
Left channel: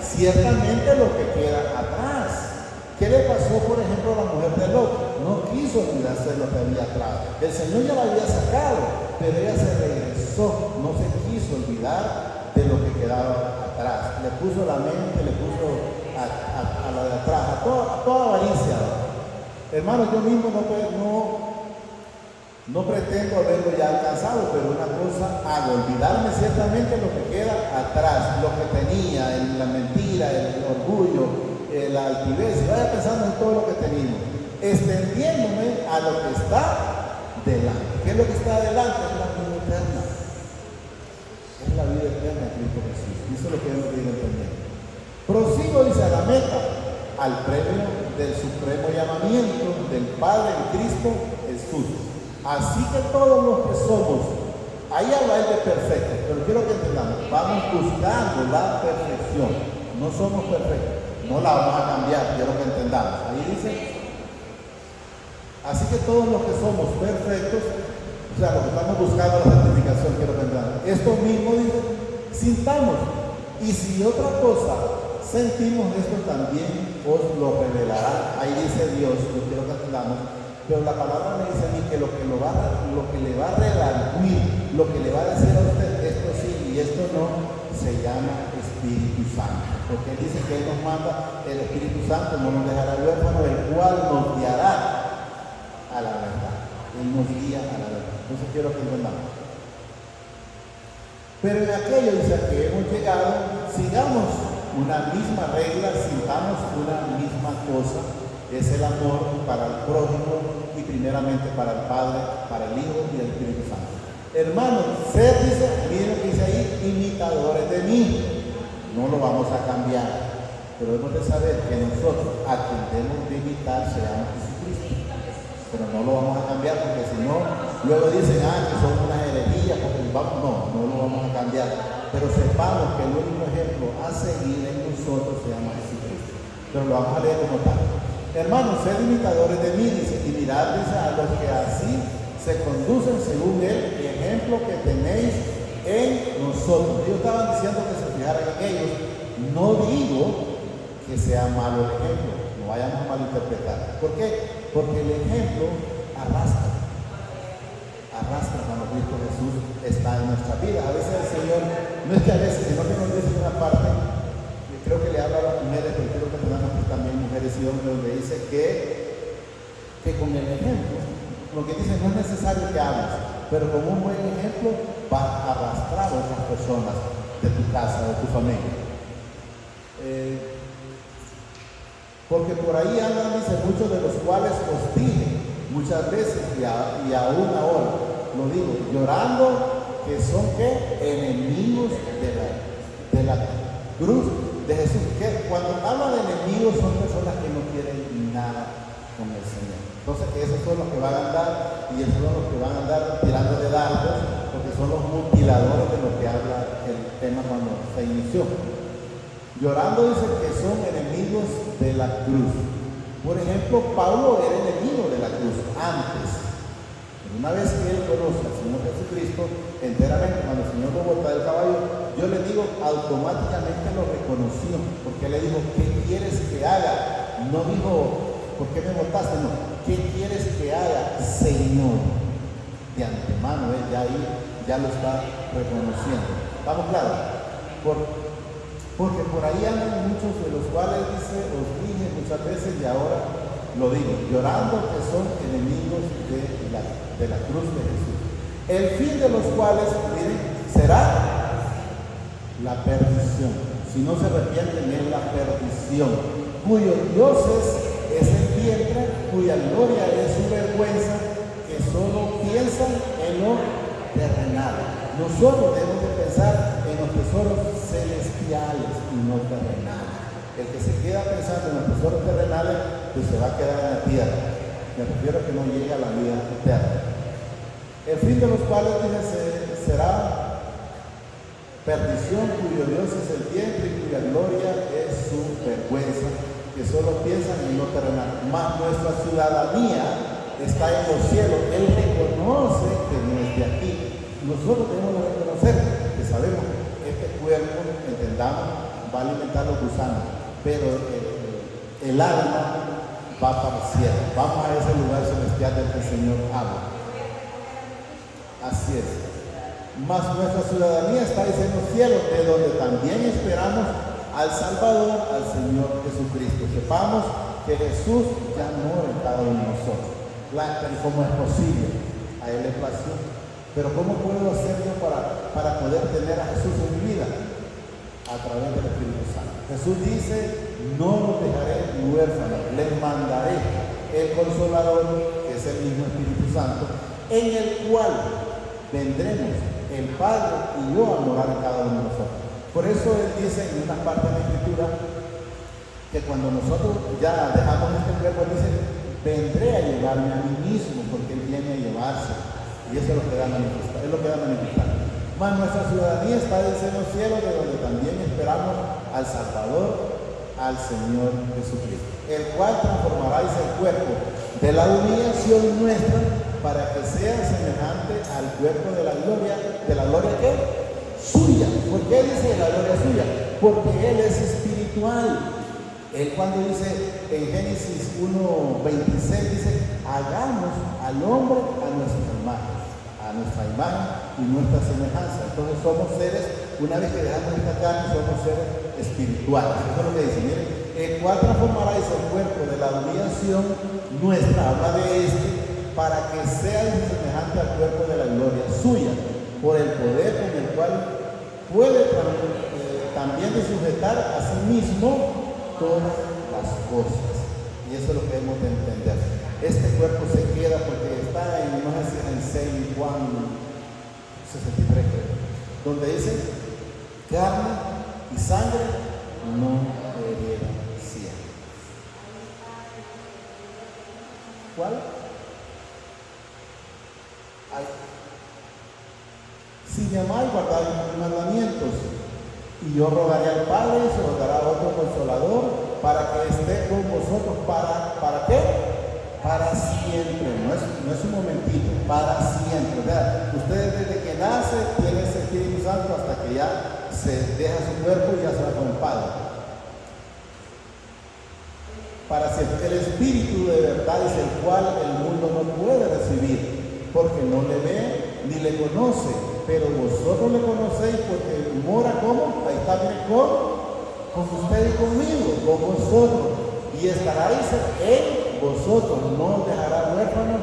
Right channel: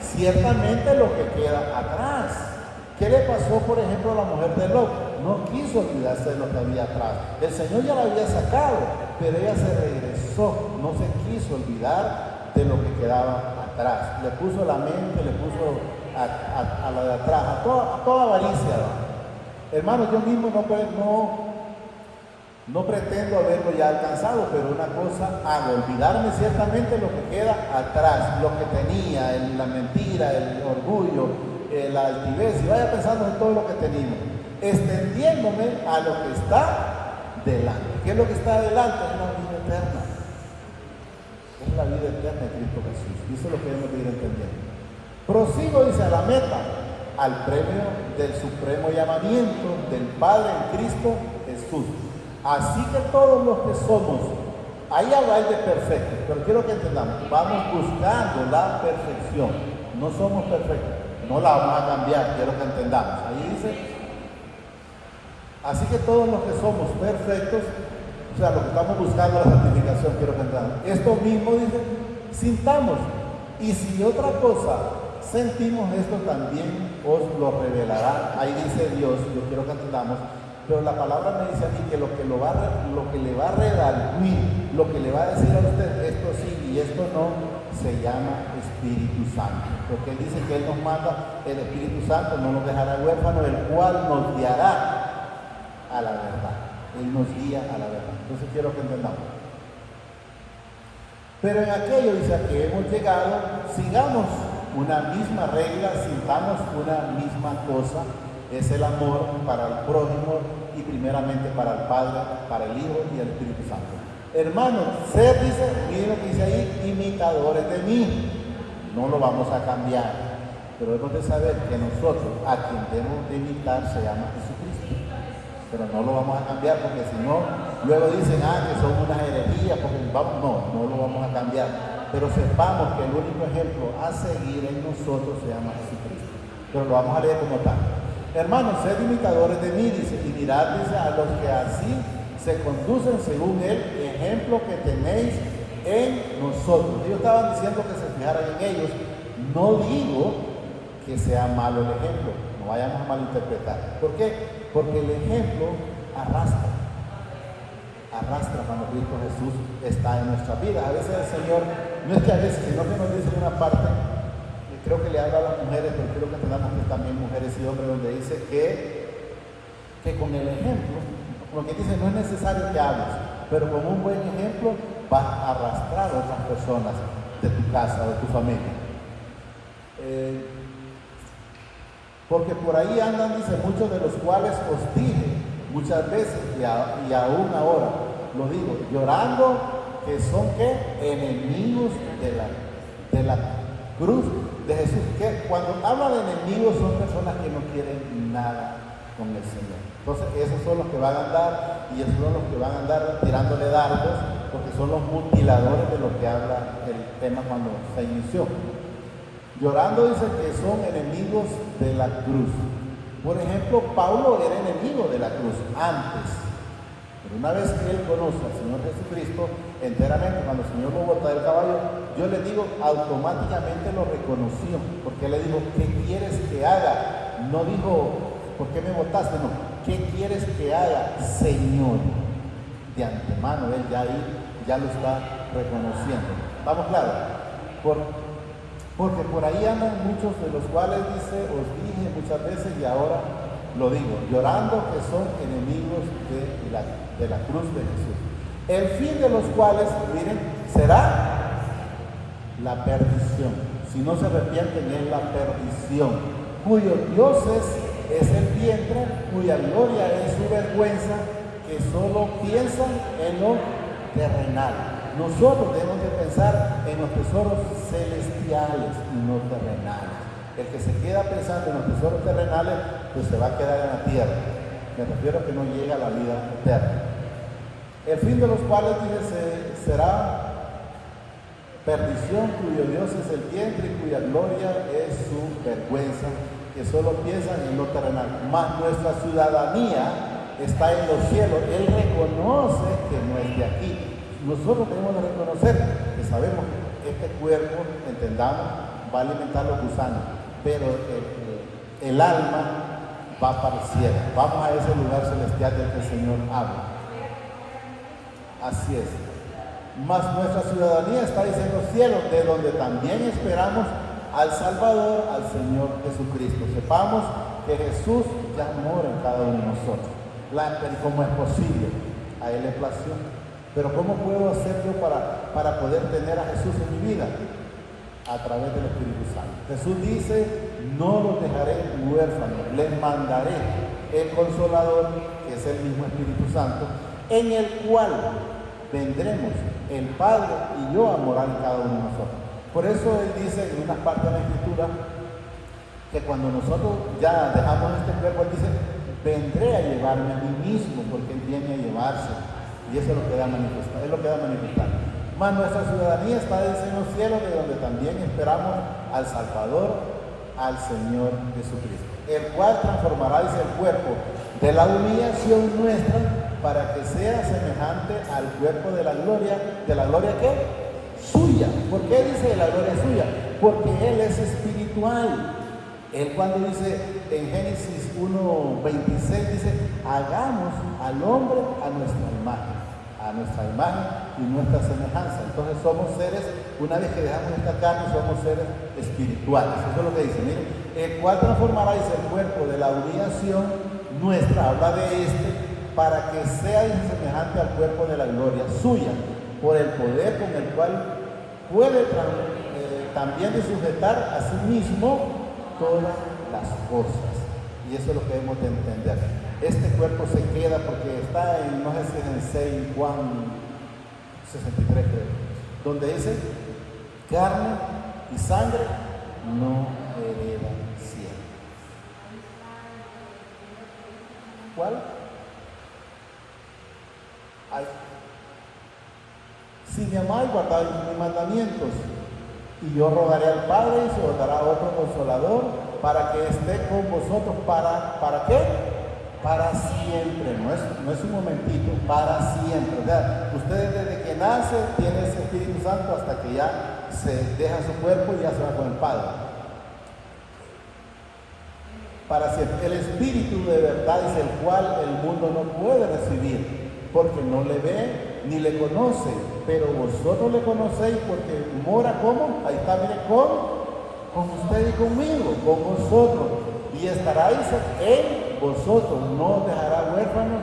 ciertamente lo que queda atrás. ¿Qué le pasó, por ejemplo, a la mujer de Lot? No quiso olvidarse de lo que había atrás. El Señor ya la había sacado, pero ella se regresó, no se quiso olvidar de lo que quedaba atrás. Le puso la mente, le puso a la de atrás, a toda avaricia. Hermano, yo mismo no pretendo haberlo ya alcanzado, pero una cosa hago, olvidarme ciertamente lo que queda atrás, lo que tenía, la mentira, el orgullo, la altivez, y vaya pensando en todo lo que teníamos, extendiéndome a lo que está delante. ¿Qué es lo que está delante? Es la vida eterna. Es la vida eterna de Cristo Jesús. Y eso es lo que hemos ido entendiendo. Prosigo, dice, a la meta, al premio del supremo llamamiento del Padre en Cristo Jesús. Así que todos los que somos, ahí habláis de perfectos, pero quiero que entendamos, vamos buscando la perfección. No somos perfectos, no la vamos a cambiar, quiero que entendamos. Ahí dice, así que todos los que somos perfectos, o sea, los que estamos buscando la santificación, quiero que entendamos. Esto mismo dice, sintamos, y si otra cosa sentimos, esto también os lo revelará. Ahí dice Dios, yo quiero que entendamos. Pero la palabra me dice a mí que lo que le va a redarguir, lo que le va a decir a usted, esto sí y esto no, se llama Espíritu Santo. Porque dice que Él nos manda, el Espíritu Santo no nos dejará huérfanos, el cual nos guiará a la verdad. Él nos guía a la verdad. Entonces quiero que entendamos. Pero en aquello dice que hemos llegado, sigamos una misma regla, sintamos una misma cosa. Es el amor para el prójimo y primeramente para el Padre, para el Hijo y el Espíritu Santo. Hermanos, sed, dice, miren lo que dice ahí, imitadores de mí. No lo vamos a cambiar, pero hemos de saber que nosotros a quien debemos de imitar se llama Jesucristo. Pero no lo vamos a cambiar porque si no, luego dicen, que son una herejía, porque no lo vamos a cambiar. Pero sepamos que el único ejemplo a seguir en nosotros se llama Jesucristo. Pero lo vamos a leer como tal. Hermanos, sed imitadores de mí, dice, y mirad, dice, a los que así se conducen según el ejemplo que tenéis en nosotros. Ellos estaban diciendo que se fijaran en ellos. No digo que sea malo el ejemplo, no vayamos a malinterpretar. ¿Por qué? Porque el ejemplo arrastra cuando Cristo Jesús está en nuestra vida. A veces el Señor, no es que a veces, sino que nos dice en una parte, creo que le habla a las mujeres, pero creo que tenemos también mujeres y hombres, donde dice que con el ejemplo, lo que dice no es necesario que hables, pero con un buen ejemplo vas a arrastrar a otras personas de tu casa, de tu familia. Porque por ahí andan, dice, muchos de los cuales os dije muchas veces y aún ahora, lo digo, llorando, que son ¿qué? Enemigos de la cruz de Jesús. Que cuando habla de enemigos son personas que no quieren nada con el Señor. Entonces esos son los que van a andar, y esos son los que van a andar tirando de dardos, porque son los mutiladores de lo que habla el tema cuando se inició. Llorando dice que son enemigos de la cruz. Por ejemplo, Pablo era enemigo de la cruz antes. Pero una vez que él conoce al Señor Jesucristo enteramente, cuando el Señor lo bota del caballo, yo le digo, automáticamente lo reconoció, porque le dijo, ¿qué quieres que haga? No dijo, ¿por qué me botaste? No, ¿qué quieres que haga, Señor? De antemano, ya ahí ya lo está reconociendo. ¿Estamos claros? Porque por ahí andan muchos de los cuales dice, os dije muchas veces y ahora lo digo, llorando que son enemigos de la cruz de Jesús. El fin de los cuales, miren, será la perdición. Si no se arrepienten es la perdición, cuyo Dios es el vientre, cuya gloria es su vergüenza, que solo piensan en lo terrenal. Nosotros debemos de pensar en los tesoros celestiales y no terrenales. El que se queda pensando en los tesoros terrenales, pues se va a quedar en la tierra. Me refiero a que no llega a la vida eterna. El fin de los cuales dice, será perdición, cuyo Dios es el vientre y cuya gloria es su vergüenza, que solo piensan en lo terrenal. Mas nuestra ciudadanía está en los cielos. Él reconoce que no es de aquí. Nosotros tenemos que reconocer que sabemos que este cuerpo, entendamos, va a alimentar los gusanos, pero el alma va para el cielo. Vamos a ese lugar celestial del que el Señor habla. Así es. Mas nuestra ciudadanía está en los cielos, de donde también esperamos al Salvador, al Señor Jesucristo. Sepamos que Jesús ya mora en cada uno de nosotros. ¿Cómo es posible? A Él le plació. Pero ¿cómo puedo hacerlo para poder tener a Jesús en mi vida? A través del Espíritu Santo. Jesús dice, no los dejaré huérfanos, les mandaré el Consolador, que es el mismo Espíritu Santo, en el cual vendremos el Padre y yo a morar en cada uno de nosotros. Por eso Él dice en una parte de la Escritura que cuando nosotros ya dejamos este cuerpo, Él dice, vendré a llevarme a mí mismo, porque Él viene a llevarse. Y eso es lo que da a manifestar. Mas nuestra ciudadanía está en los cielos, de donde también esperamos al Salvador, al Señor Jesucristo, el cual transformará el cuerpo de la humillación nuestra para que sea semejante al cuerpo de la gloria ¿qué? Suya. ¿Por qué dice la gloria suya? Porque Él es espiritual. Él cuando dice en Génesis 1:26 dice, hagamos al hombre a nuestra imagen y nuestra semejanza. Entonces somos seres, una vez que dejamos esta carne, somos seres espirituales. Eso es lo que dice, miren, el cual transformará el cuerpo de la humillación nuestra, habla de este, para que sea semejante al cuerpo de la gloria suya, por el poder con el cual puede también sujetar a sí mismo todas las cosas. Y eso es lo que debemos de entender. Este cuerpo se queda porque está en, no sé, en 6 Juan 63, donde dice, carne y sangre no heredan cielo. ¿Cuál? Si me amáis, guardáis mis mandamientos, y yo rogaré al Padre y se os dará otro Consolador para que esté con vosotros. ¿Para qué? Para siempre. No es un momentito, para siempre. O sea, ustedes desde que nace tienen ese Espíritu Santo hasta que ya se deja su cuerpo y ya se va con el Padre. Para siempre. El Espíritu de verdad es el cual el mundo no puede recibir, porque no le ve ni le conoce, pero vosotros le conocéis porque mora como, ahí está, mire, con usted y conmigo, con vosotros, y estaréis en vosotros, no os dejará huérfanos,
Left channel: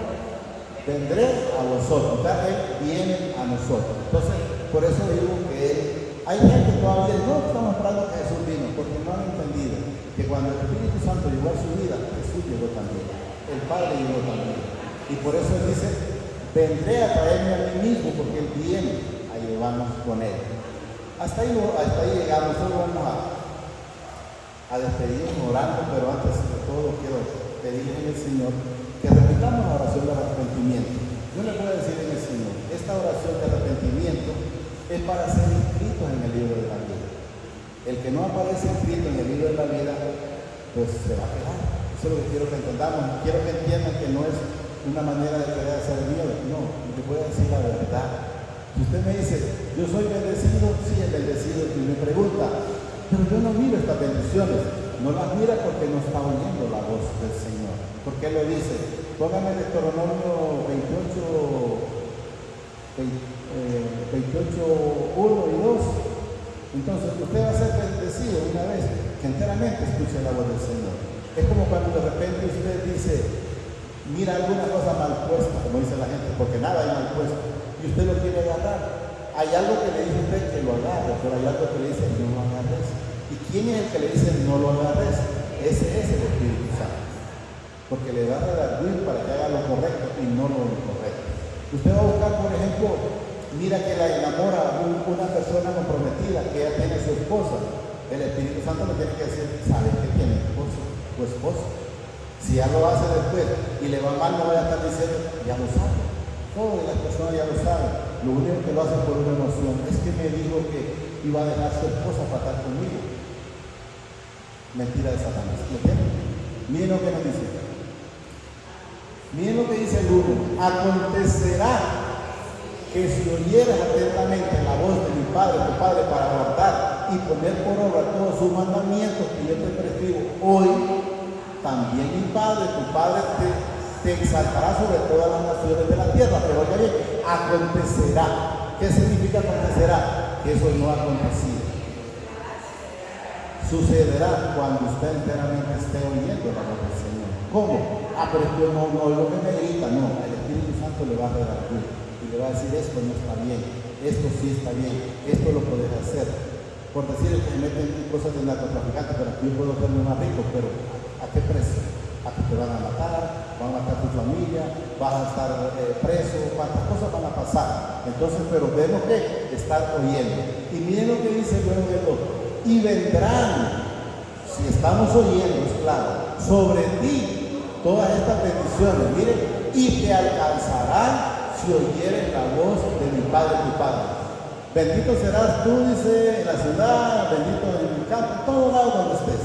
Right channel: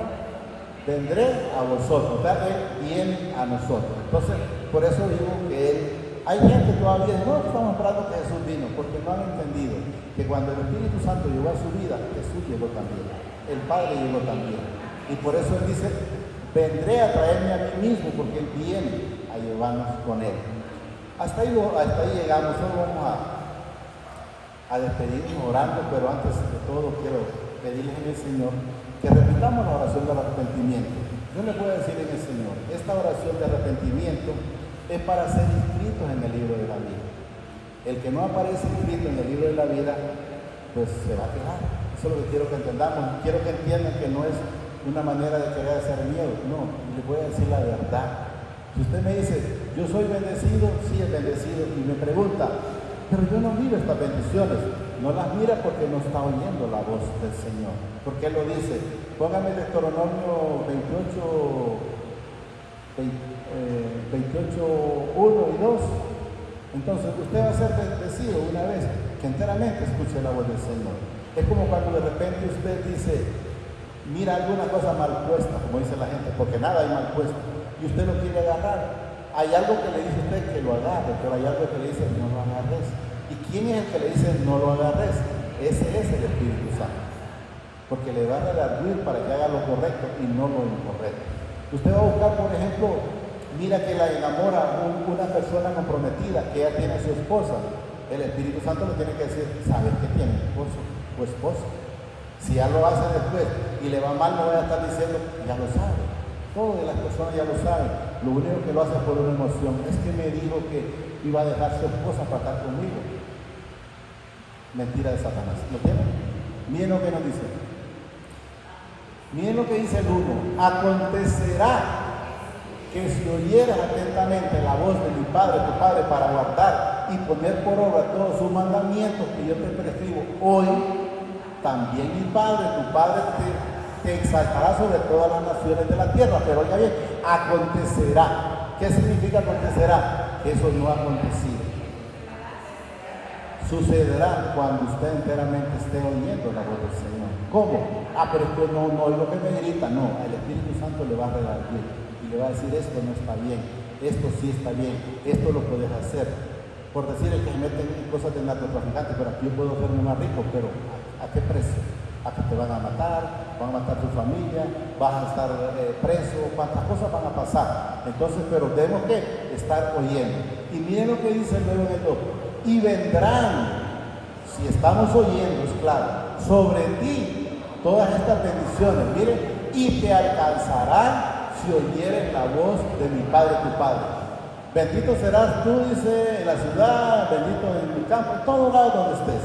vendré a vosotros. O sea, Él viene a nosotros. Entonces, por eso digo que hay gente que todavía no estamos esperando que Jesús vino, porque no han entendido que cuando el Espíritu Santo llegó a su vida, Jesús llegó también, el Padre llegó también, y por eso Él dice, vendré a traerme a mí mismo, porque Él viene a llevarnos con Él. Hasta ahí llegamos. Solo vamos a despedirnos orando, pero antes de todo quiero pedirle al Señor que repitamos la oración del arrepentimiento. Yo le puedo decir al Señor, esta oración de arrepentimiento es para ser inscritos en el libro de la vida. El que no aparece inscrito en el libro de la vida, pues se va a quedar. Eso es lo que quiero que entendamos. Quiero que entiendan que no es una manera de querer hacer miedo, no, le puedo decir la verdad. Si usted me dice, yo soy bendecido, sí es bendecido, y me pregunta, pero yo no miro estas bendiciones, no las mira porque no está oyendo la voz del Señor. Porque Él lo dice, póngame Deuteronomio 28, 1 y 2. Entonces usted va a ser bendecido una vez que enteramente escuche la voz del Señor. Es como cuando de repente usted dice, mira alguna cosa mal puesta, como dice la gente, porque nada es mal puesto, y usted lo quiere agarrar. Hay algo que le dice usted que lo agarre, pero hay algo que le dice no lo agarres. ¿Y quién es el que le dice no lo agarres? Ese es el Espíritu Santo, porque le va a redarguir para que haga lo correcto y no lo incorrecto. Usted va a buscar, por ejemplo, mira que la enamora una persona comprometida, que ella tiene su esposa. El Espíritu Santo le tiene que decir, ¿sabes que tiene tu esposa? Si ya lo hace después y le va mal, no va a estar diciendo, ya lo sabe. Todas las personas ya lo saben. Lo único que lo hacen por una emoción es que me dijo que iba a dejar su esposa para estar conmigo. Mentira de Satanás. Miren lo que nos dice. Miren lo que dice el 1. Acontecerá que si oyeras atentamente la voz de mi Padre, tu Padre, para guardar y poner por obra todos sus mandamientos que yo te prescribo hoy, también mi Padre, tu Padre te exaltará sobre todas las naciones de la tierra. Pero oiga bien, acontecerá. ¿Qué significa acontecerá? Que eso no ha acontecido. Sucederá cuando usted enteramente esté oyendo la voz del Señor. ¿Cómo? Pero es que no es lo que me grita. No, el Espíritu Santo le va a redarguir y le va a decir: esto no está bien, esto sí está bien, esto lo puedes hacer. Por decirle que me meten en cosas de narcotraficante, pero aquí yo puedo hacerme más rico, pero ¿a qué precio? A que te van a matar, van a matar tu familia, vas a estar preso, cuántas cosas van a pasar. Entonces, pero tenemos que estar oyendo. Y miren lo que dice luego del otro: y vendrán, si estamos oyendo, es claro, sobre ti todas estas bendiciones, miren, y te alcanzarán si oyeres la voz de mi Padre, tu Padre. Bendito serás tú, dice, en la ciudad, bendito en tu campo, en todos lados donde estés.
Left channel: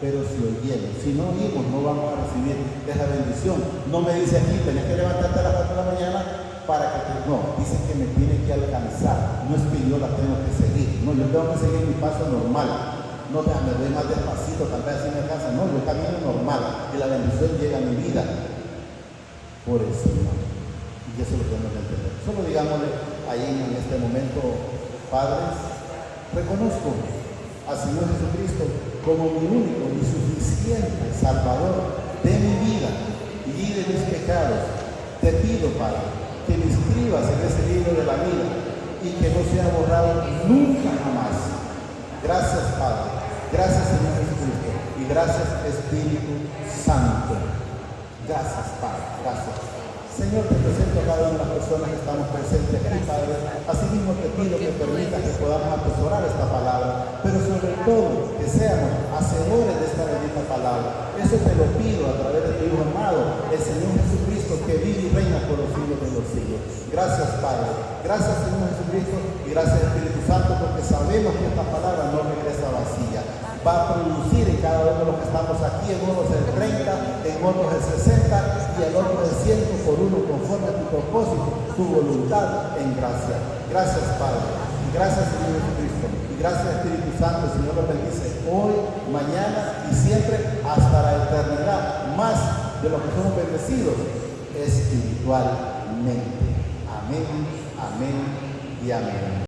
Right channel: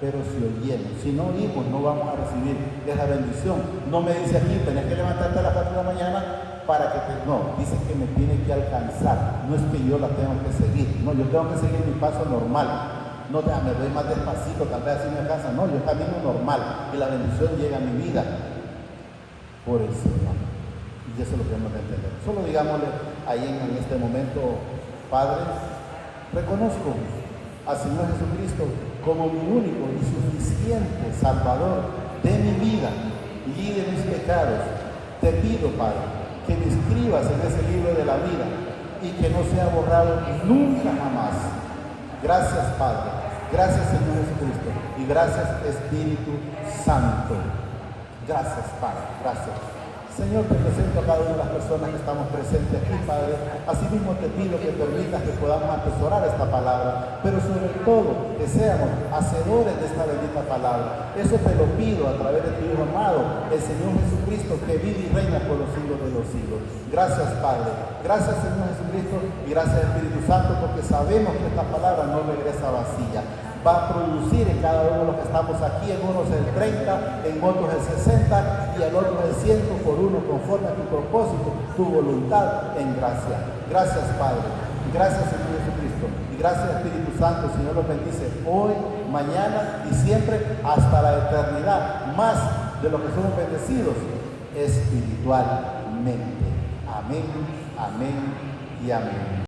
Pero si oyeres, si no oímos, no vamos a recibir esa bendición. No me dice aquí: tenés que levantarte a las 4 de la mañana para que te... No, dice que me tiene que alcanzar. No es que yo la tengo que seguir. No, yo tengo que seguir mi paso normal. No, me doy más despacito, tal vez así me alcanza. No, yo camino normal y la bendición llega a mi vida por el Señor. Y eso lo tenemos que entender. Solo digámosle ahí en este momento: Padre, reconozco al Señor Jesucristo como mi único y suficiente Salvador de mi vida y de mis pecados. Te pido, Padre, que me inscribas en ese libro de la vida y que no sea borrado nunca jamás. Gracias, Padre. Gracias, Señor Jesucristo. Y gracias, Espíritu Santo. Gracias, Padre. Gracias. Señor, te presento a cada una de las personas que estamos presentes aquí, Padre. Asimismo te pido que permitas que podamos atesorar esta palabra, pero sobre todo que seamos hacedores de esta bendita palabra. Eso te lo pido a través de tu Hijo amado, el Señor Jesucristo, que vive y reina por los siglos de los siglos. Gracias, Padre. Gracias, Señor Jesucristo, y gracias, Espíritu Santo, porque sabemos que esta palabra no regresa vacía. Va a producir en cada uno de los que estamos aquí, en unos el 30, en otros el 60 y en otros el 100 por uno, conforme a tu propósito, tu voluntad en gracia. Gracias, Padre. Gracias, Señor Jesucristo. Y gracias, Espíritu Santo. Señor, los bendice hoy, mañana y siempre hasta la eternidad, más de lo que somos bendecidos espiritualmente. Amén, amén y amén.